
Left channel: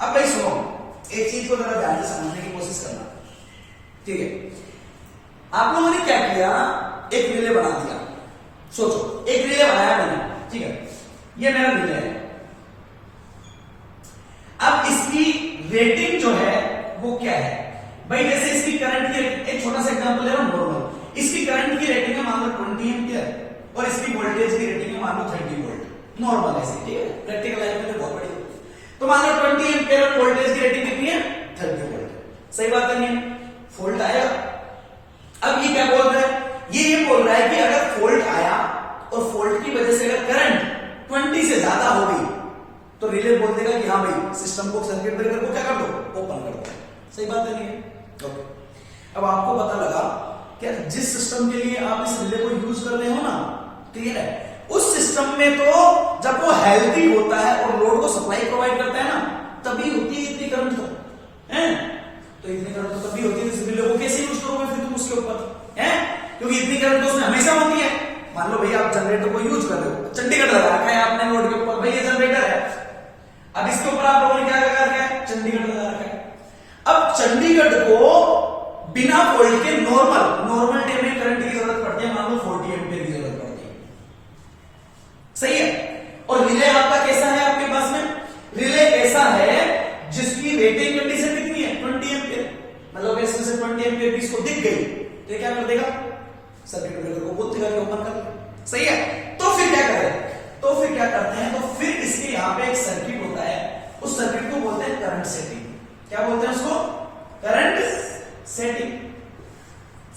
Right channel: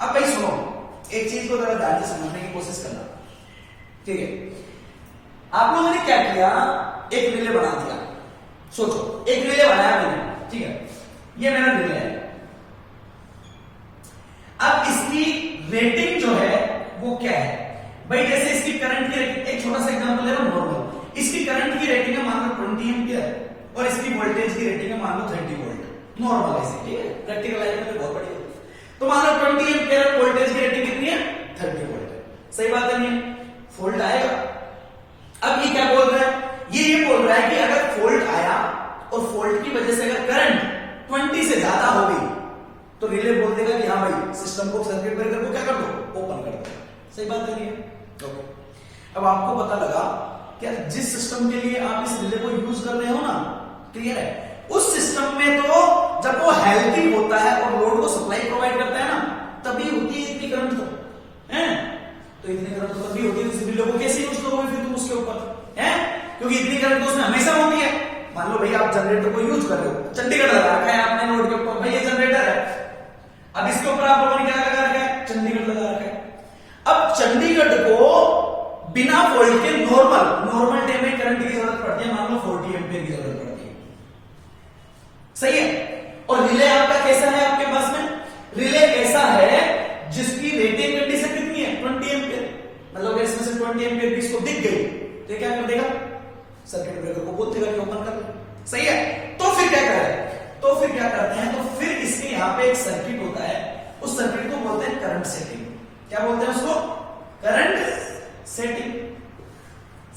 अब भाई सुनो, एक चीज को जरा ध्यान से समझने की कोशिश करना, ठीक है, आप लोगों ने क्या किया, एक रिले बना दिया, सोचो एक रिले बनाया मैंने, ठीक है, ये मेरा रिले है, अब इसकी रेटिंग जो है वो क्या है भाई, जैसे इसकी करंट की, एक छोटा सा एग्जांपल है ना, नॉर्मल, इसकी करंट की रेटिंग है मान लो 20 एम्पियर और इसकी वोल्टेज की रेटिंग है मान लो 30 वोल्ट, नॉर्मल ऐसे, ठीक है, प्रैक्टिकल लाइफ में बहुत बढ़िया। तो मान लो 20 एम्पियर वोल्टेज की रेटिंग कितनी है, 30 वोल्ट, सही बात है नहीं है, फॉल्ट आएगा। अब ये क्या बोल रहा है, ये बोल रहा है कि अगर फॉल्ट आया और फॉल्ट की वजह से अगर करंट 20 से ज्यादा हो गई तो रिले बोल देगा कि हाँ भाई सिस्टम को, सर्किट ब्रेकर को क्या कर दो, ओपन कर दो, सही बात है नहीं है। ओके, अब आपको पता लगा कि जिस सिस्टम के लिए आप इस रिले को यूज कर रहे हो ना, क्लियर है, उस सिस्टम में तो जब वो हेल्थी होता है और लोड को सप्लाई प्रोवाइड करता है ना, तभी होती है इतनी करंट, तो है, तो इतनी करंट तो तभी होती है, इस रिले को कैसे यूज करोगे फिर तुम उसके ऊपर, है, क्योंकि इतनी करंट तो उसमें हमेशा होती है। मान लो भैया आप जनरेटर को यूज कर रहे हो, चंडीगढ़ लगा रखा है आपने लोड के ऊपर, भाई ये जनरेटर है, अब इसके ऊपर आप लोगों ने क्या लगा रखा है, चंडीगढ़ लगा रखा है। अब चंडीगढ़ को बिना वोल्ट के नॉर्मल डे में करंट की जरूरत पड़ती है, मान लो 40 एम्पीयर की जरूरत पड़ती है, सही है। और रिले आपका कैसा है, आपके पास में रिले ऐसा है जिसकी रेटिंग कंडीशन कितनी है, 20 एम्पीयर, मतलब इसमें से 20 एम्पीयर भी इसको दिख गई तो क्या कर देगा, सर्किट ब्रेकर को बोल देगा कि ओपन कर ले, सही है। तो फिर क्या करें, तो फिर क्या करते हैं, तो फिर इसके यहां पे एक सर्किट होता है, उस सर्किट को बोलते हैं करंट सेटिंग, क्या बोलते हैं उसको, करंट सेटिंग,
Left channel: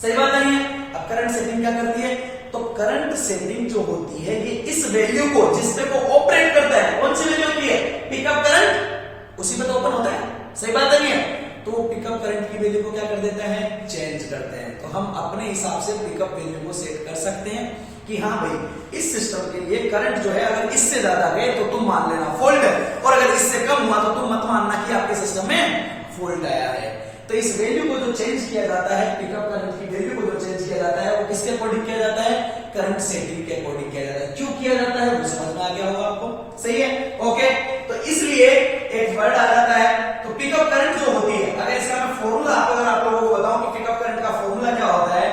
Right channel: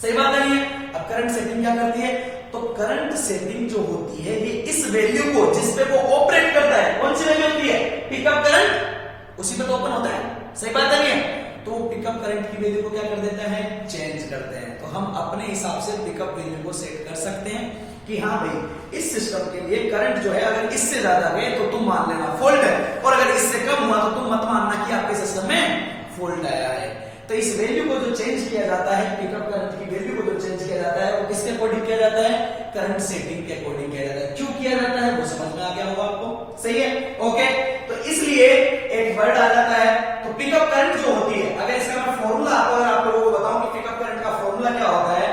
सही बात नहीं है। अब करंट सेटिंग क्या करती है, तो करंट सेटिंग जो होती है ये इस वैल्यू को जिस पे वो ऑपरेट करता है, कौन सी वैल्यू होती है, पिकअप करंट, उसी पे तो ओपन होता है, सही बात नहीं है, तो पिकअप करंट की वैल्यू को क्या कर देता है, चेंज करते हैं। तो हम अपने हिसाब से पिकअप वैल्यू को सेट कर सकते हैं कि हाँ भाई इस सिस्टम के लिए करंट जो है अगर इससे ज्यादा गए तो तुम मान लेना फॉल्ट है, और अगर इससे कम हुआ तो तुम मत मानना कि आपके सिस्टम में फॉल्ट आया है। तो इस वैल्यू को जो चेंज किया जाता है, पिकअप करंट की वैल्यू को जो चेंज किया जाता है वो किसके अकॉर्डिंग किया जाता है, करंट सेटिंग के अकॉर्डिंग किया जाता है। क्यों किया जाता है वो समझ में आ गया होगा आपको, सही है, ओके। तो इसलिए एक वर्ड आ जाता है, तो पिकअप करंट जो होती है, अगर इसका मैं फॉर्मूला अगर आप लोगों को बताऊं कि पिकअप करंट का फॉर्मूला क्या होता है,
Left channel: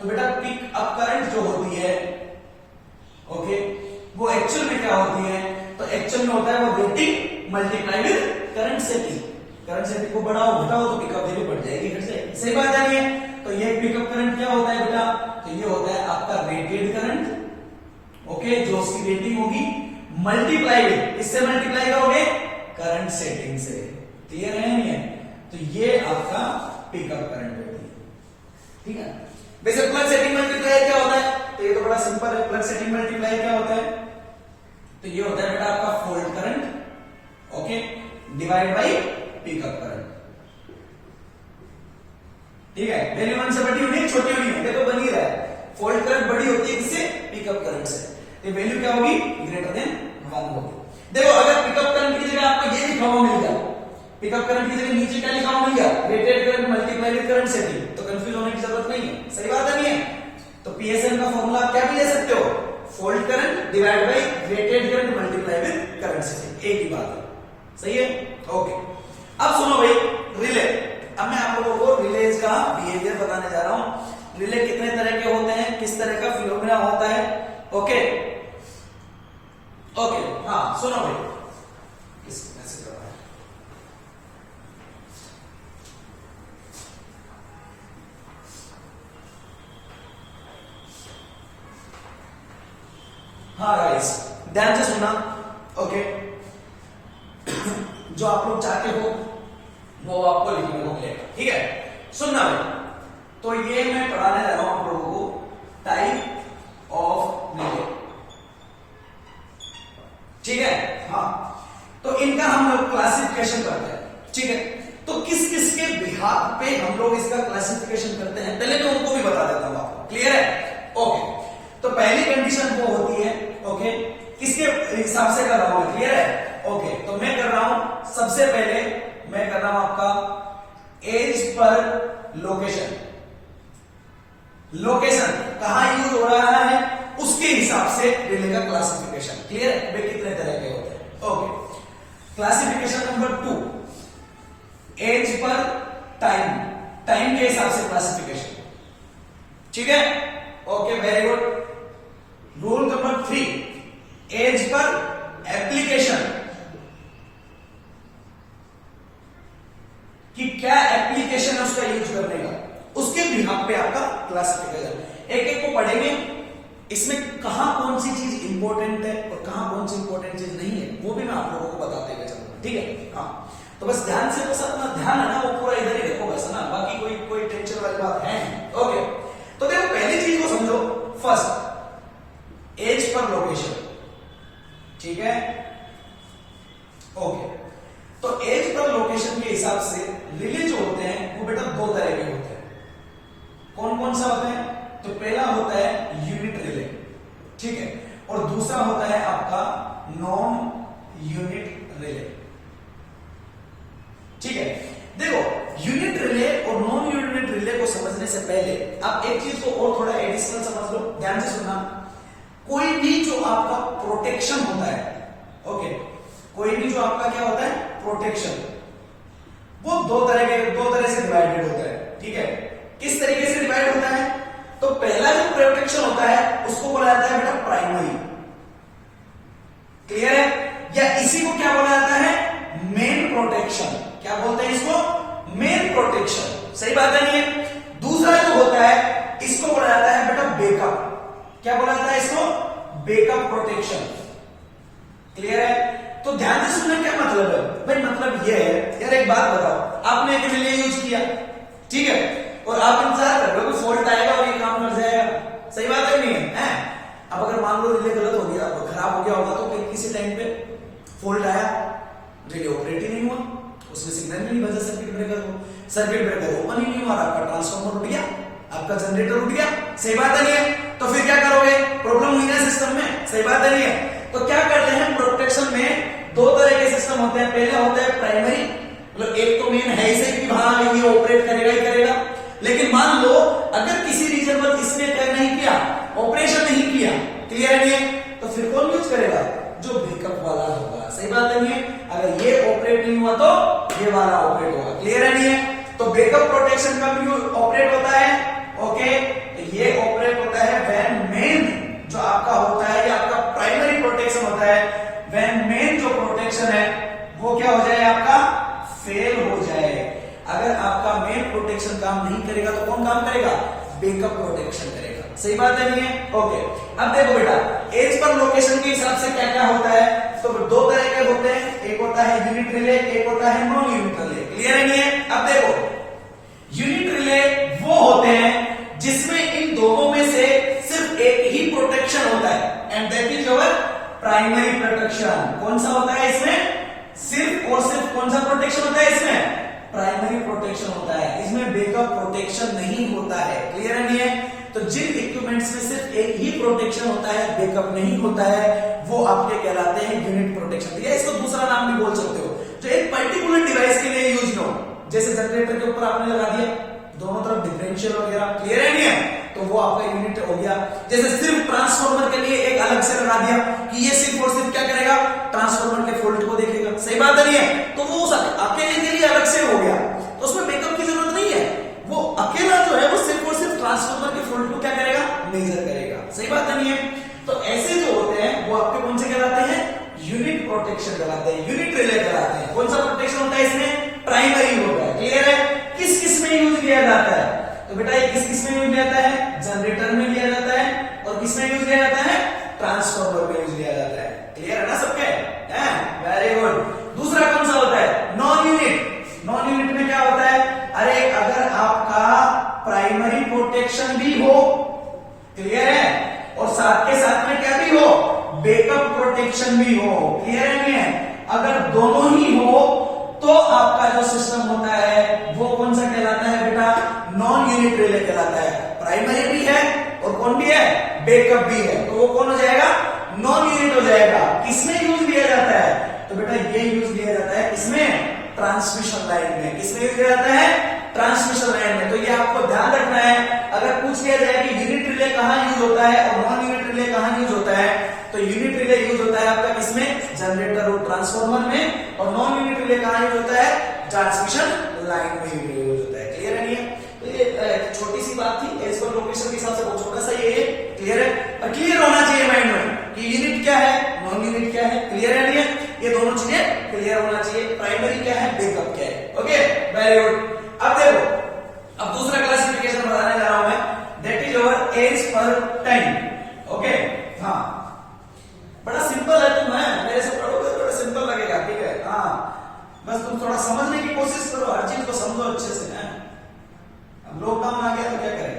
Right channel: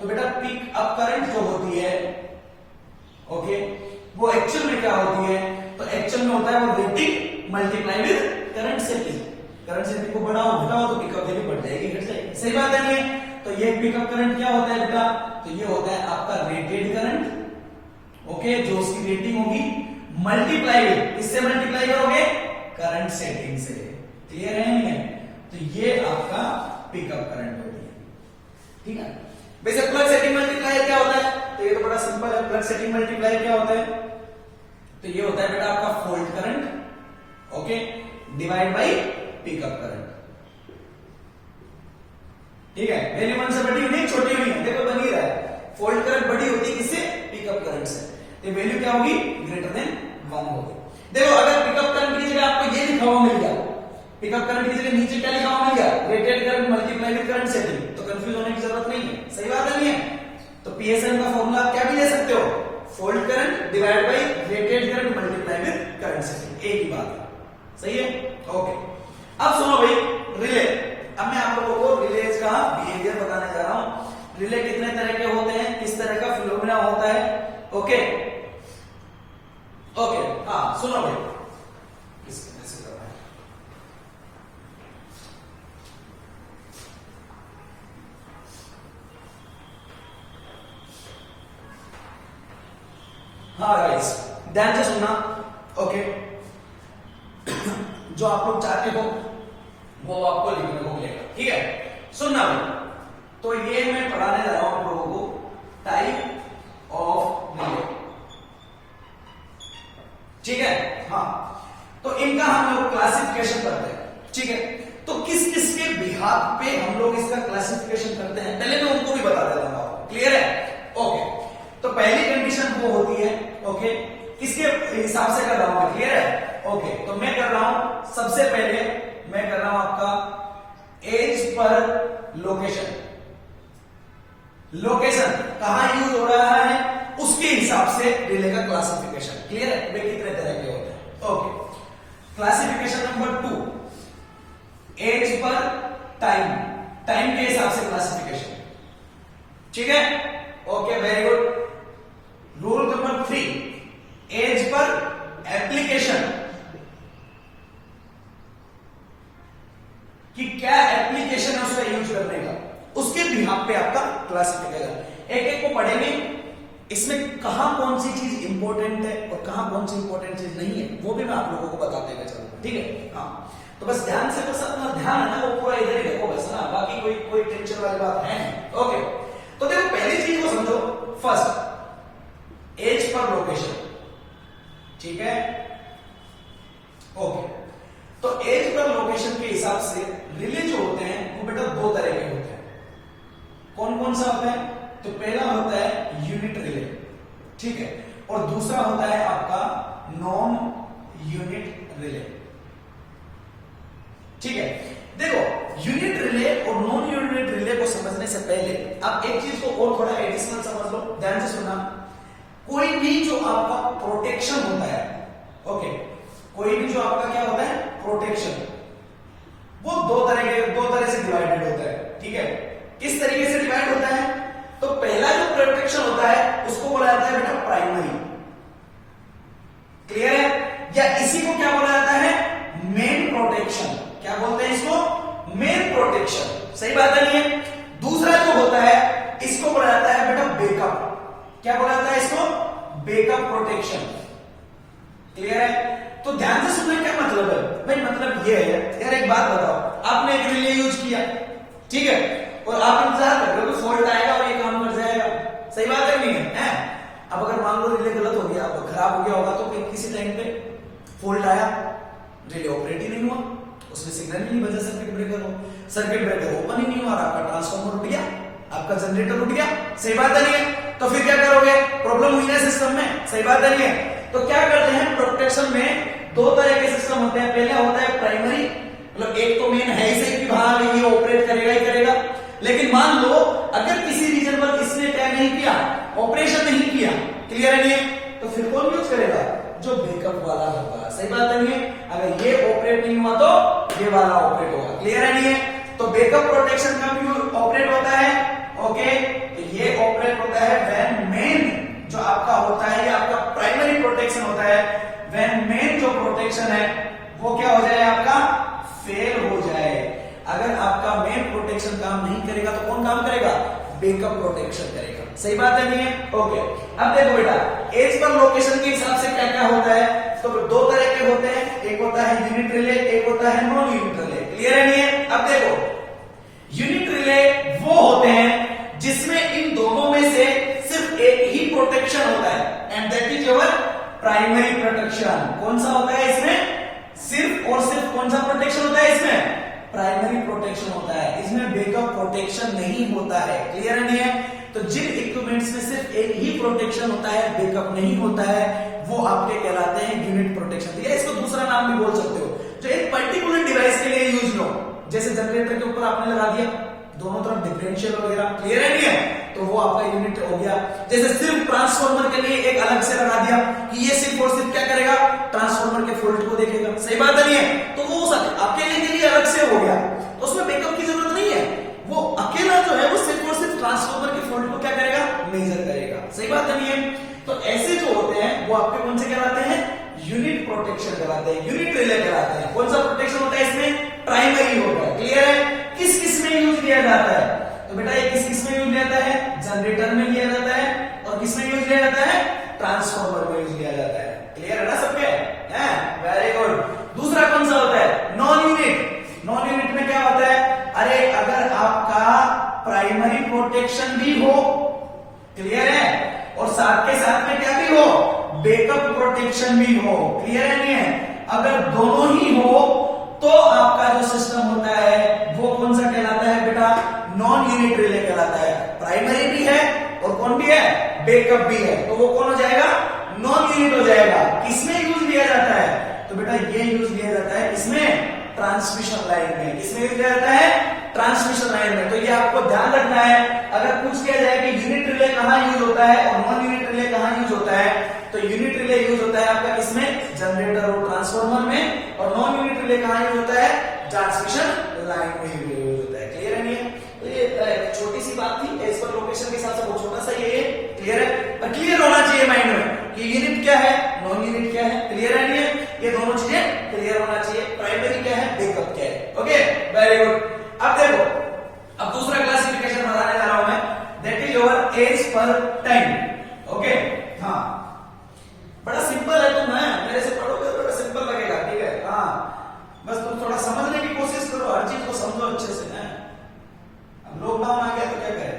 तो बेटा पिकअप करंट जो होती है, ओके, वो एक्चुअल में क्या होती है, तो एक्चुअल में होता है वो rating multiply with current setting, current setting को बढ़ाओ घटाओ तो पिकअप वैल्यू बढ़ जाएगी, घट जाएगी, सही बात है नहीं है। तो ये पिकअप करंट क्या होता है बेटा, तो ये होता है आपका रेटेड करंट, ओके, जो उसकी रेटिंग होगी मल्टीप्लाई विद, इससे मल्टीप्लाई करोगे करंट सेटिंग से, क्लियर है नहीं है, तो ये आपका पिकअप करंट होगी, ठीक है। वैसे प्लग सेटिंग मल्टीप्लायर क्या होता है, तो ये तो बड़ा सिंपल है, प्लग सेटिंग मल्टीप्लायर क्या होता है, तो ये होता है बेटा आपका fault current, okay, divide by pickup current, ठीक है। वैल्यू 1 से बड़ी होनी, छोटी होनी है, देखो बन ही रहा है, फॉल्ट करंट बड़ी होती है किससे, पिकअप करंट से, तो वैल्यू क्या होगी, ग्रेटर देन 1 होगी। देखो अगर पिकअप करंट की जगह आपको ये लिखा हुआ मिल गया, पिकअप करंट की जगह नीचे क्या लिखा हुआ मिल गया, rated current multiply with current setting, तो कंफ्यूज होने की जरूरत नहीं है, सही बात है नहीं है। तो पीएसएन का फॉर्मूला क्या भी ले सकते हो, fault current divide by rated current multiply with current setting, एक ही बात है, सही है, ओके। अब सुनो भाई रिले, अब मैं आप लोगों को रिलेज का बिहेवियर बताने जा रहा हूं। रिले कितने तरह के होते हैं, किस तरह का फिनोमेना होता है, ओके ओके, हाँ सुनो भाई, किस तरह से करना है, हाँ गाइस ध्यान से सुनना, ओके। जो आप लोग चाहते हो वो आपको लिखने को मिलेगा, ठीक है, सुनना भाई। तो ये मैं पढ़ाने जा रहा हूं आप लोगों को टाइप ऑफ रिले। ठीक है, हाँ, तो इनका हम लोग क्लासिफिकेशन करते हैं। ठीक है, तो किस किस के बिहाफ पे हम लोग इसका क्लासिफिकेशन करते हैं पहले मैं उनको भी बता देता हूं आपको। क्लियर है? ओके, तो पहली कंडीशन वो होती है, ओके, किसके हिसाब से कर रहा हूं? क्लियर है? ओके, तो मैं कर रहा हूं, सबसे पहले मैं कर रहा हूं आपका एज पर लोकेशन। लोकेशन कहां यूज हो रहा है उसके हिसाब से रिले का क्लासिफिकेशन। क्लियर है? वे कितने तरह के होते हैं। Okay, classification number 2, as per time, time के हिसाब से क्लासिफिकेशन। ठीक है, okay, very good. Rule number 3, as per application, कि क्या एप्लीकेशन है उसका यूज करने का, उसके बिहाफ पे आपका क्लासिफिकेशन। एक एक को पढ़ेंगे, इसमें कहां कौन सी चीज इंपॉर्टेंट है और कहां कौन सी इंपॉर्टेंट चीज नहीं है वो भी मैं आप लोगों को बताते हुए चलूंगा। ठीक है, हाँ, तो बस ध्यान से, बस अपना ध्यान है ना वो पूरा इधर ही रखो बस ना, बाकी कोई कोई टेंशन वाली बात है। ओके, तो देखो पहली चीज को समझो, फर्स्ट एज पर लोकेशन। ठीक है, ओके, तो एज पर लोकेशन के हिसाब से रिले जो होते हैं वो बेटा दो तरह के होते हैं। कौन कौन सा होता है? तो पहला होता है यूनिट रिले, ठीक है, और दूसरा होता है आपका नॉन यूनिट रिले। ठीक है, देखो यूनिट रिले और नॉन यूनिट रिले को समझने से पहले आप एक चीज को और थोड़ा एडिशनल समझ लो, ध्यान से सुनना। कोई भी जो आपका प्रोटेक्शन होता है, ओके, कोई भी जो आपका क्या होता है प्रोटेक्शन, वो दो तरह से डिवाइडेड होता है। ठीक है, किस तरीके से डिवाइड होता है? तो पहला जो प्रोटेक्शन होता है उसको बोला जाता है बेटा प्राइमरी। क्लियर है? या इसी को क्या बोला जाता है? Main protection. क्या बोलते हैं इसको? Main protection. सही बात है? नहीं है? दूसरा जो होता है इसको बोला जाता है बेटा बैकअप। क्या बोला जाता है इसको? Backup protection. क्लियर है? तो ध्यान से सुनना, क्या मतलब है भाई? मतलब ये है यार, एक बात बताओ, आपने एक रिले यूज किया, ठीक है, और आप इंतजार कर रहे हो कि फॉल्ट आएगा और ये काम कर जाएगा। सही बात है नहीं है? अब अगर मान लो रिले गलत हो गया, खराब हो गया होगा, तो किसी टाइम पे फॉल्ट आया, रिले ऑपरेट ही नहीं हुआ, उसने सिग्नल भी नहीं बजा सर्किट ब्रेकर को, सर्किट ब्रेकर ओपन ही नहीं हुआ, आपका ट्रांसफार्मर उठ गया, आपका जनरेटर उठ गया। सही बात है नहीं है? तो फिर क्या करोगे? प्रॉब्लम हुई है सिस्टम में। सही बात है नहीं है? तो क्या करते हैं प्रोटेक्शन में, दो तरह के सिस्टम होते हैं। पहला होता है प्राइमरी, मतलब एक तो मेन है ही सही कि हाँ ये ऑपरेट करेगा ही करेगा, लेकिन मान लो अगर किसी रीजन पर इसने क्या नहीं किया, ऑपरेशन नहीं किया, क्लियर है नहीं है? तो फिर कौन यूज करेगा? जो बैकअप वाला होगा। सही बात है नहीं है? अगर ये ऑपरेट नहीं हुआ तो ये वाला ऑपरेट होगा। क्लियर है नहीं है? तो बैकअप प्रोटेक्शन कब ऑपरेट होता है? ओके, तो ये ऑपरेट होता है व्हेन मेन जो आपका होता है, ये आपका प्राइमरी प्रोटेक्शन होता है, व्हेन मेन जो प्रोटेक्शन है वो क्या हो जाए? आपका फेल हो जाए। अगर आपका मेन प्रोटेक्शन काम नहीं करेगा तो कौन काम करेगा? बैकअप प्रोटेक्शन करेगा। सही बात है नहीं है? ओके, अब देखो बेटा, एज पर लोकेशन के हिसाब से क्या क्या होता है? तो दो तरह के होते हैं, एक होता है यूनिट रिले, एक होता है नॉन यूनिट रिले। क्लियर है नहीं है? अब देखो, यूनिट रिले वो होते हैं जिसमें इन दोनों में से सिर्फ एक ही प्रोटेक्शन होता है, and that is your primary protection. कौन सा होता है इसमें? सिर्फ और सिर्फ कौन सा प्रोटेक्शन होता है इसमें? प्राइमरी प्रोटेक्शन होता है। इसमें बैकअप प्रोटेक्शन नहीं होता है। क्लियर है नहीं है? तो जिन इक्विपमेंट्स में सिर्फ एक ही प्रोटेक्शन होता है, बैकअप नहीं होता है, वो आपके कहलाते हैं यूनिट प्रोटेक्शन। या इसको दूसरा नाम भी बोल सकते हो, जो एक पर्टिकुलर डिवाइस के लिए यूज हो, जैसे जनरेटर के ऊपर आपने लगा दिया, दोनों तरफ डिफरेंशियल वगैरह। क्लियर है नहीं है? तो वो आपका यूनिट हो गया। जैसे सिर्फ ट्रांसफार्मर के लिए एक अलग से लगा दिया कि ये सिर्फ और सिर्फ क्या करेगा? ट्रांसफार्मर के फॉल्ट को देखेगा। सही बात है नहीं है? तो वो अकेले के लिए अलग से हो गया, तो उसमें बैकअप की जरूरत नहीं है। वो अकेला जो है वो सिर्फ और सिर्फ ट्रांसफार्मर के फॉल्ट को क्या करेगा? मेजर करेगा। सही बात है नहीं है? तो ऐसे जो होते हैं वो आपके कौन से कहलाते हैं? यूनिट प्रोटेक्शन कहलाते हैं, यूनिट रिले कहलाते हैं। कौन सा प्रोटेक्शन होता है इसमें? प्राइमरी होता है। क्लियर है? किस किस में यूज किया जाता है? तो बेटा ये किस किस में यूज किया जाता है? जनरेटर में लिया जाता है, और किस में यूज किया जाता है? ट्रांसफार्मर में यूज किया जाता है। क्लियर है ना सबके? Very good. दूसरा कौन सा होता है? Non unit. नॉन यूनिट में क्या होता है? अरे अगर आपका प्राइमरी प्रोटेक्शन भी हो, क्लियर है, और साथ के साथ में क्या भी हो, बैकअप प्रोटेक्शन भी हो। क्लियर है नहीं है? अगर दोनों ही हो तो आपका जो सिस्टम होता है वो कौन सा कहलाता है बेटा? नॉन यूनिट रिले कहलाता है। प्राइमरी भी है और कौन भी है? बैकअप भी है। तो वो कौन हो जाएगा? नॉन यूनिट हो जाएगा। किसमें यूज लिया जाता है? तो बेटा ये यूज लिया जाता है इसमें, ट्रांसमिशन लाइन में। किसमें यूज लिया जाता है? ट्रांसमिशन लाइन में। तो ये आपको ध्यान रखना है। अगर पूछ लिया जाए कि यूनिट रिले कहां यूज होता है और नॉन यूनिट रिले कहां यूज होता है, तो यूनिट रिले यूज होता है आपका किसमें? जनरेटर और ट्रांसफार्मर में। और नॉन यूनिट रिले कहां यूज होता है? ट्रांसमिशन लाइन में यूज होता है। क्लियर है नहीं है? तो ये छोटी सी बात थी, एज पर लोकेशन के हिसाब से बहुत छोटा सा ये क्लियर है। और क्लियर होना चाहिए माइंड में कि यूनिट क्या है, नॉन यूनिट क्या है। क्लियर है नहीं है? ये दोनों चीजें क्लियर होना चाहिए। प्राइमरी क्या है, बैकअप क्या है। Okay, very good. अब देखो, अब दूसरा क्लासिफिकेशन बताने जा रहा हूं मैं, that is your as per time. Okay, हाँ, बड़ा सिंपल है। तुम है मेरे से पढ़ोगे तो बड़ा सिंपल लगेगा। ठीक है, हाँ, बस तुम थोड़ा समझने की कोशिश करो, हर चीज को समझो अच्छे से ना। अब लॉकडाउन आ गया तो क्या करें,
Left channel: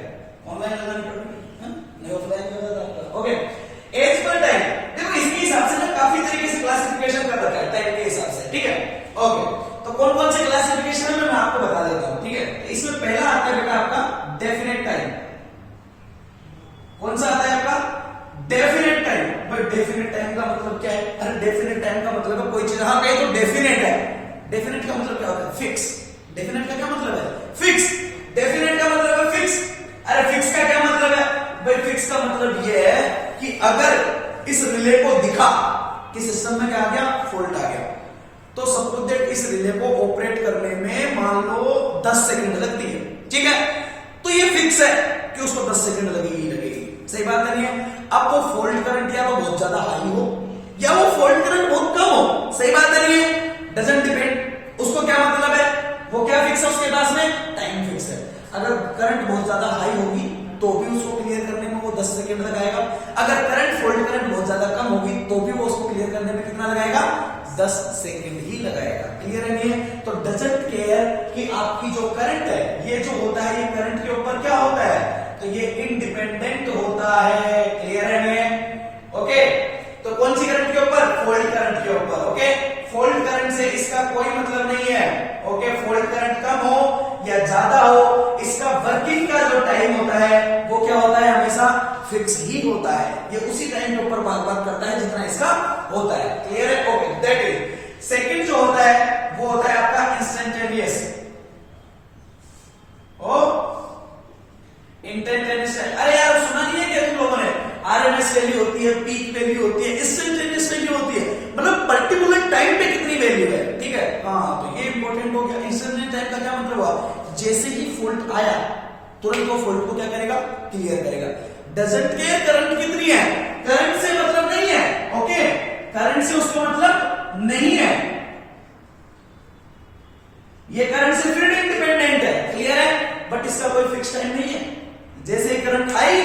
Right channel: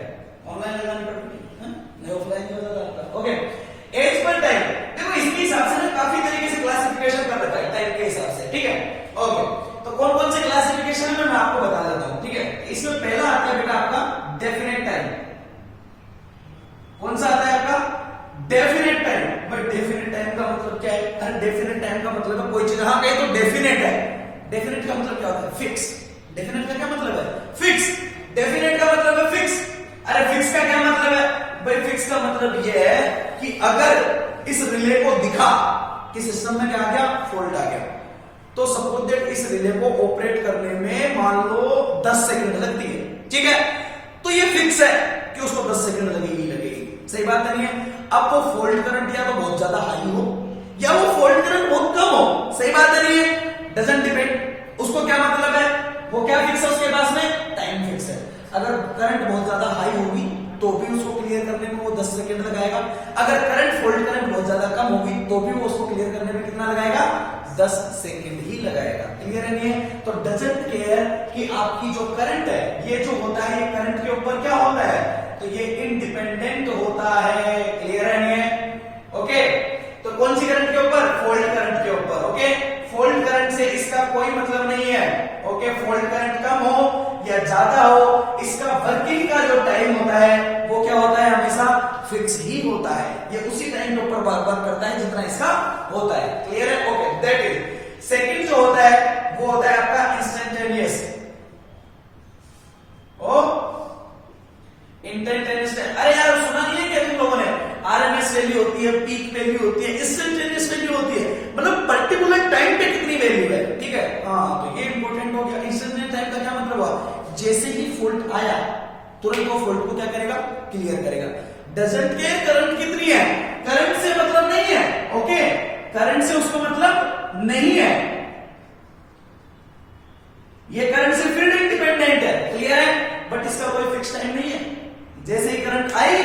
ऑनलाइन लगानी पड़ेगी, नहीं ऑफलाइन हो जाता। ओके, एज पर टाइम, देखो इसके हिसाब से ना काफी तरीके से क्लासिफिकेशन कर रखा है टाइम के हिसाब से। ठीक है, ओके, तो कौन कौन से क्लासिफिकेशन है मैं आपको बता देता हूं। ठीक है, इसमें पहला आता है बेटा आपका डेफिनेट टाइम। कौन सा आता है आपका? Definite time. भाई डेफिनेट टाइम का मतलब क्या है? अरे डेफिनेट टाइम का मतलब है कोई चीज, हाँ कहीं तो डेफिनेट है। डेफिनेट का मतलब क्या होता है? फिक्स। डेफिनेट का क्या मतलब है? फिक्स। डेफिनेट का मतलब है फिक्स। अरे फिक्स का क्या मतलब है? भाई फिक्स का मतलब यह है कि अगर इस रिले को दिखा कि सिस्टम में क्या आ गया, फॉल्ट आ गया, तो सपोज दैट इस रिले को ऑपरेट करने में मान लो 10 सेकंड लगती है। ठीक है, तो ये फिक्स है कि उसको 10 सेकंड लगेगी लगेगी। सही बात नहीं है? अब वो फॉल्ट करंट या तो बहुत ज्यादा हाई हो या वो फॉल्ट करंट बहुत कम हो। सही बात नहीं है? Doesn't depend. उसको क्या मतलब है? वो क्या फिक्स है उसके पास में? टाइम फिक्स है। अगर करंट बहुत ज्यादा हाई होगी तो भी उसको क्लियर करने में वो 10 सेकंड लगाएगा। अगर करंट फॉल्ट करंट बहुत ज्यादा कम होगी तो भी वो उसको क्लियर करने में कितना लगाएगा? 10 सेकंड ही लगाएगा। क्लियर है नहीं है? तो डजंट केयर कि आपकी जो करंट है, ये जो होता है, ये करंट के ऊपर क्या होता है? तो ये इंडिपेंडेंट होता है। क्लियर है नहीं है? ओके, तो कौन सी करंट के ऊपर? फॉल्ट करंट के ऊपर। ओके, फॉल्ट करंट से इसका कोई मतलब नहीं है। ओके, फॉल्ट करंट कम हो या ज्यादा हो, इसका वर्किंग का जो टाइम होता है वो क्या होता है? हमेशा फिक्स ही होता है। ये उसी टाइम के ऊपर बात करता है जितना इसका होता है। क्लियर है? Okay, that is. सेकंड जो होता है वो होता है आपका इंस्टेंटेनियस। ओ इंस्टेंटेनियस। अरे यार सुना नहीं है क्या तुम लोगों ने? आरएमएस वैल्यू होती है, पीक वैल्यू होती है, इंस्टेंटेनियस वैल्यू होती है, मतलब पर्टिकुलर टाइम पे कितनी वैल्यू है। ठीक है, हाँ, तो ये इंपॉर्टेंट हो गया। इंस्टेंटेनियस टाइम का क्या मतलब हुआ? जैसे ही फॉल्ट आया तुरंत वो फॉल्ट को क्या करेगा? क्लियर करेगा। डजंट केयर करंट कितनी है, करंट से मतलब नहीं है। ओके, करंट से उसको मतलब नहीं है, ये करंट से फिर इंडिपेंडेंट है। क्लियर है? बट इसका कोई फिक्स टाइम नहीं है। जैसे ही करंट आई,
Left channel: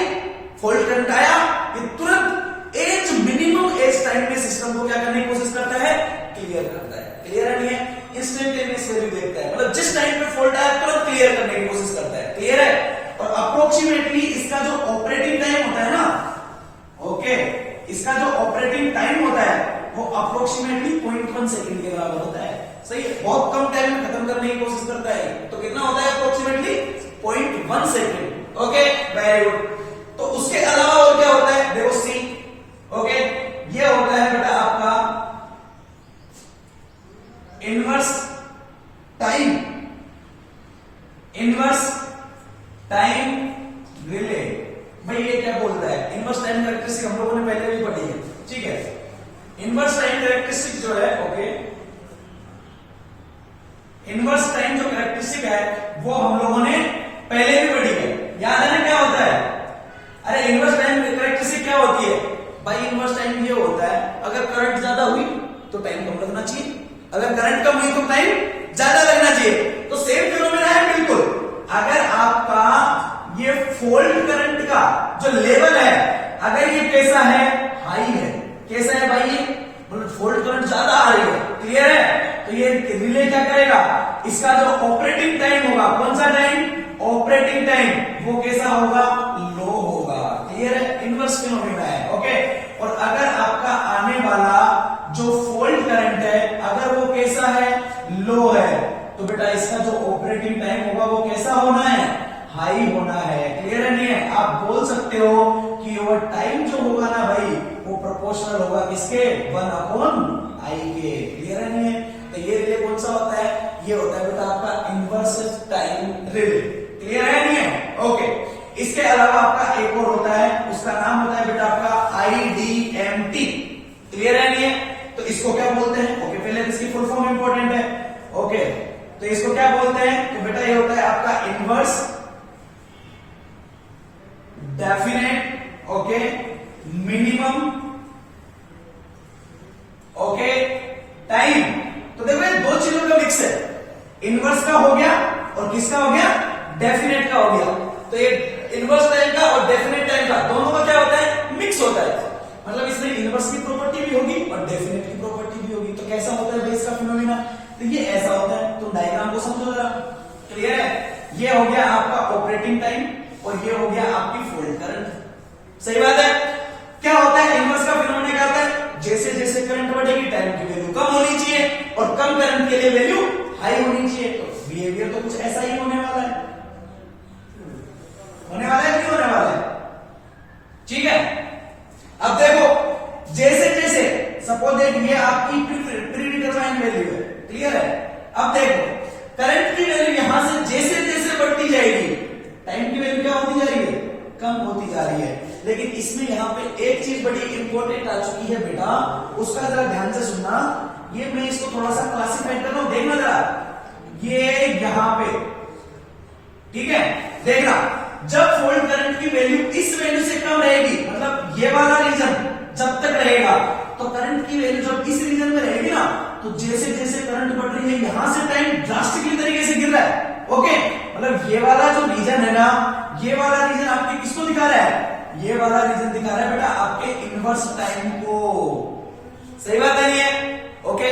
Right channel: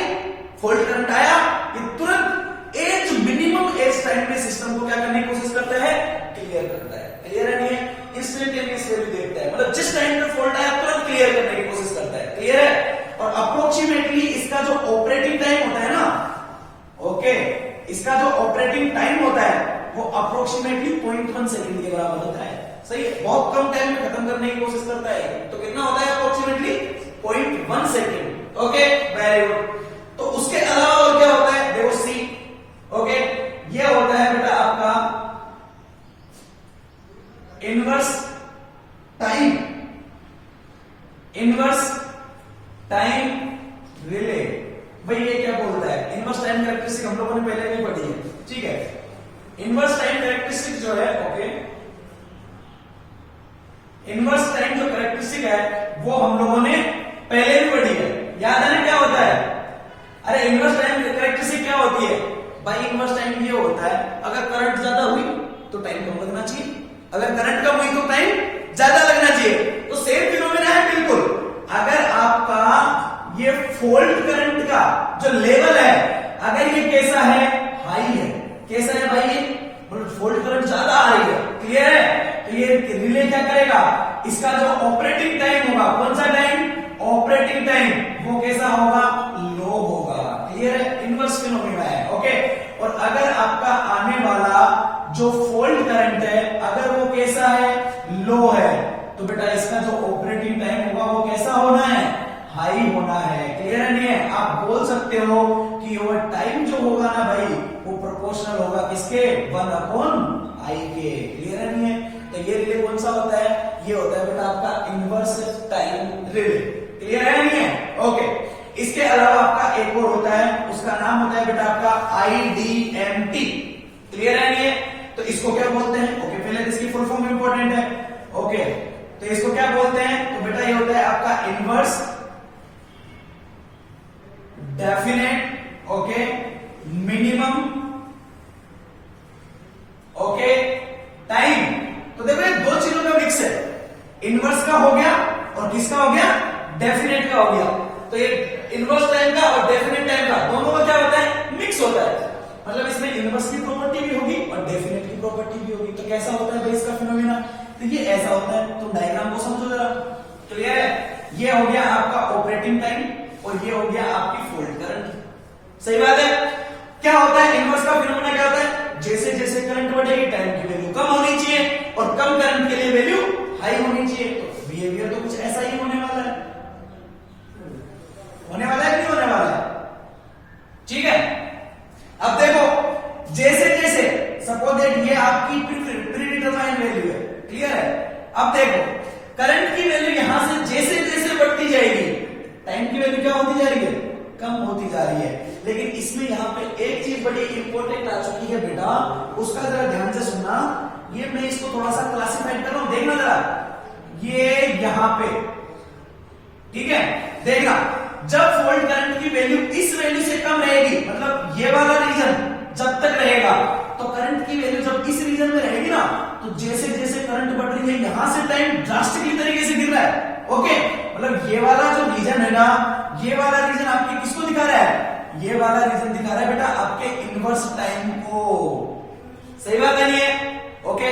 फॉल्ट करंट आया, ये तुरंत एज मिनिमम एज टाइम में सिस्टम को क्या करने की कोशिश करता है? क्लियर करता है। क्लियर है नहीं है? इंस्टेंटेनियस वैल्यू देखता है, मतलब जिस टाइम पे फॉल्ट आया तुरंत क्लियर करने की कोशिश करता है। क्लियर है? और अप्रोक्सीमेटली इसका जो ऑपरेटिंग टाइम होता है ना, ओके, इसका जो ऑपरेटिंग टाइम होता है वो अप्रोक्सीमेटली 0.1 सेकंड के बराबर होता है। सही है? बहुत कम टाइम में खत्म करने की कोशिश करता है। तो कितना होता है approximately? 0.1 second. Okay, very good. तो उसके अलावा और क्या होता है? देखो सी। ओके, ये होता है बेटा आपका inverse time, inverse time relay. भाई ये क्या बोलता है? इनवर्स टाइम कैरेक्टरिस्टिक हम लोगों ने पहले भी पढ़ी है। ठीक है, इनवर्स टाइम कैरेक्टरिस्टिक जो है, ओके, इनवर्स टाइम जो कैरेक्टरिस्टिक है वो हम लोगों ने पहले भी पढ़ी है। याद है ना क्या होता है? अरे इनवर्स टाइम कैरेक्टरिस्टिक क्या होती है? भाई इनवर्स टाइम ये होता है, अगर करंट ज्यादा हुई तो टाइम कम लगना चाहिए, अगर करंट कम हुई तो टाइम ज्यादा लगना चाहिए। तो सेम फिनोमेना है बिल्कुल। अगर आपका ये फॉल्ट करंट का जो लेवल है, अगर ये कैसा है? हाई है। कैसा है भाई? ये मतलब फॉल्ट करंट ज्यादा आ रही है। क्लियर है? तो ये रिले क्या करेगा? इसका जो ऑपरेटिंग टाइम होगा, कौन सा टाइम? ऑपरेटिंग टाइम, वो कैसा होगा? लो होगा। क्लियर है? Inverse phenomena. और अगर आपका आने वाला जो फॉल्ट करंट है अगर वो कैसा है, लो है, तो बेटा इसका जो ऑपरेटिंग टाइम होगा वो कैसा होना है, हाई होना है। क्लियर है नहीं है? आप बोल सकते हो कि वो टाइम जो होगा ना भाई वो प्रोपोर्शनल होगा किसके, 1/i के। क्लियर है नहीं है? तो ये रिले कौन सा होता है, ये होता है बेटा आपका इनवर्स टाइम रिले। क्लियर है नहीं है? ओके। इसके अलावा आपका एक और होता है, उसका नाम होता है बेटा आपका IDMT। क्लियर है नहीं है? तो इसको क्या बोलते हैं, ओके पहले इसकी फुल फॉर्म इंपॉर्टेंट है। ओके तो इसको क्या बोलते हैं, तो बेटा ये होता है आपका inverse definite okay minimum okay time. तो देखो ये दो चीजों का मिक्स है, इनवर्स का हो गया और किसका हो गया, डेफिनेट का हो गया। तो ये इनवर्स टाइम का और डेफिनेट टाइम का दोनों का क्या होता है, मिक्स होता है। मतलब इसमें इनवर्स की प्रॉपर्टी भी होगी और डेफिनेट की प्रॉपर्टी भी होगी। तो कैसा होता है बेस का फिनोमिना, तो ये ऐसा होता है। तो डायग्राम को समझो जरा। क्लियर है? ये हो गया आपका ऑपरेटिंग टाइम और ये हो गया आपकी फॉल्ट करंट। सही बात है? क्या होता है इनवर्स का फिनोमिना, क्या होता है, जैसे जैसे करंट बढ़ेगी टाइम की वैल्यू कम होनी चाहिए और कम करंट के लिए वैल्यू हाई होनी चाहिए। तो बिहेवियर तो कुछ ऐसा ही होने वाला है, होने वाला है कि नहीं होने वाला है? ठीक है। अब देखो जैसे जैसे सपोज दैट ये आपकी प्री डिटरमाइंड वैल्यू है। क्लियर है? अब देखो करंट की वैल्यू यहां से जैसे जैसे बढ़ती जाएगी टाइम की वैल्यू क्या होती जा रही है, कम होती जा रही है। लेकिन इसमें यहां पे एक चीज बड़ी इंपॉर्टेंट आ चुकी है बेटा, उसका जरा ध्यान से सुनना। ये मैं इसको थोड़ा सा क्लासिफाइड कर रहा हूं, देखना जरा। ये यहां पे ठीक है, देखना जब फॉल्ट करंट की वैल्यू इस वैल्यू से कम रहेगी, मतलब ये वाला रीजन जब तक रहेगा, तो करंट की वैल्यू जब इस रीजन में रहेगी ना, तो जैसे जैसे करंट बढ़ रही है यहां से टाइम ड्रास्टिकली तरीके से गिर रहा है। ओके मतलब ये वाला जो रीजन है ना, ये वाला रीजन आपके किसको दिखा रहा है, ये वाला रीजन दिखा रहा है बेटा आपके इनवर्स टाइम को। सही बात नहीं है? ओके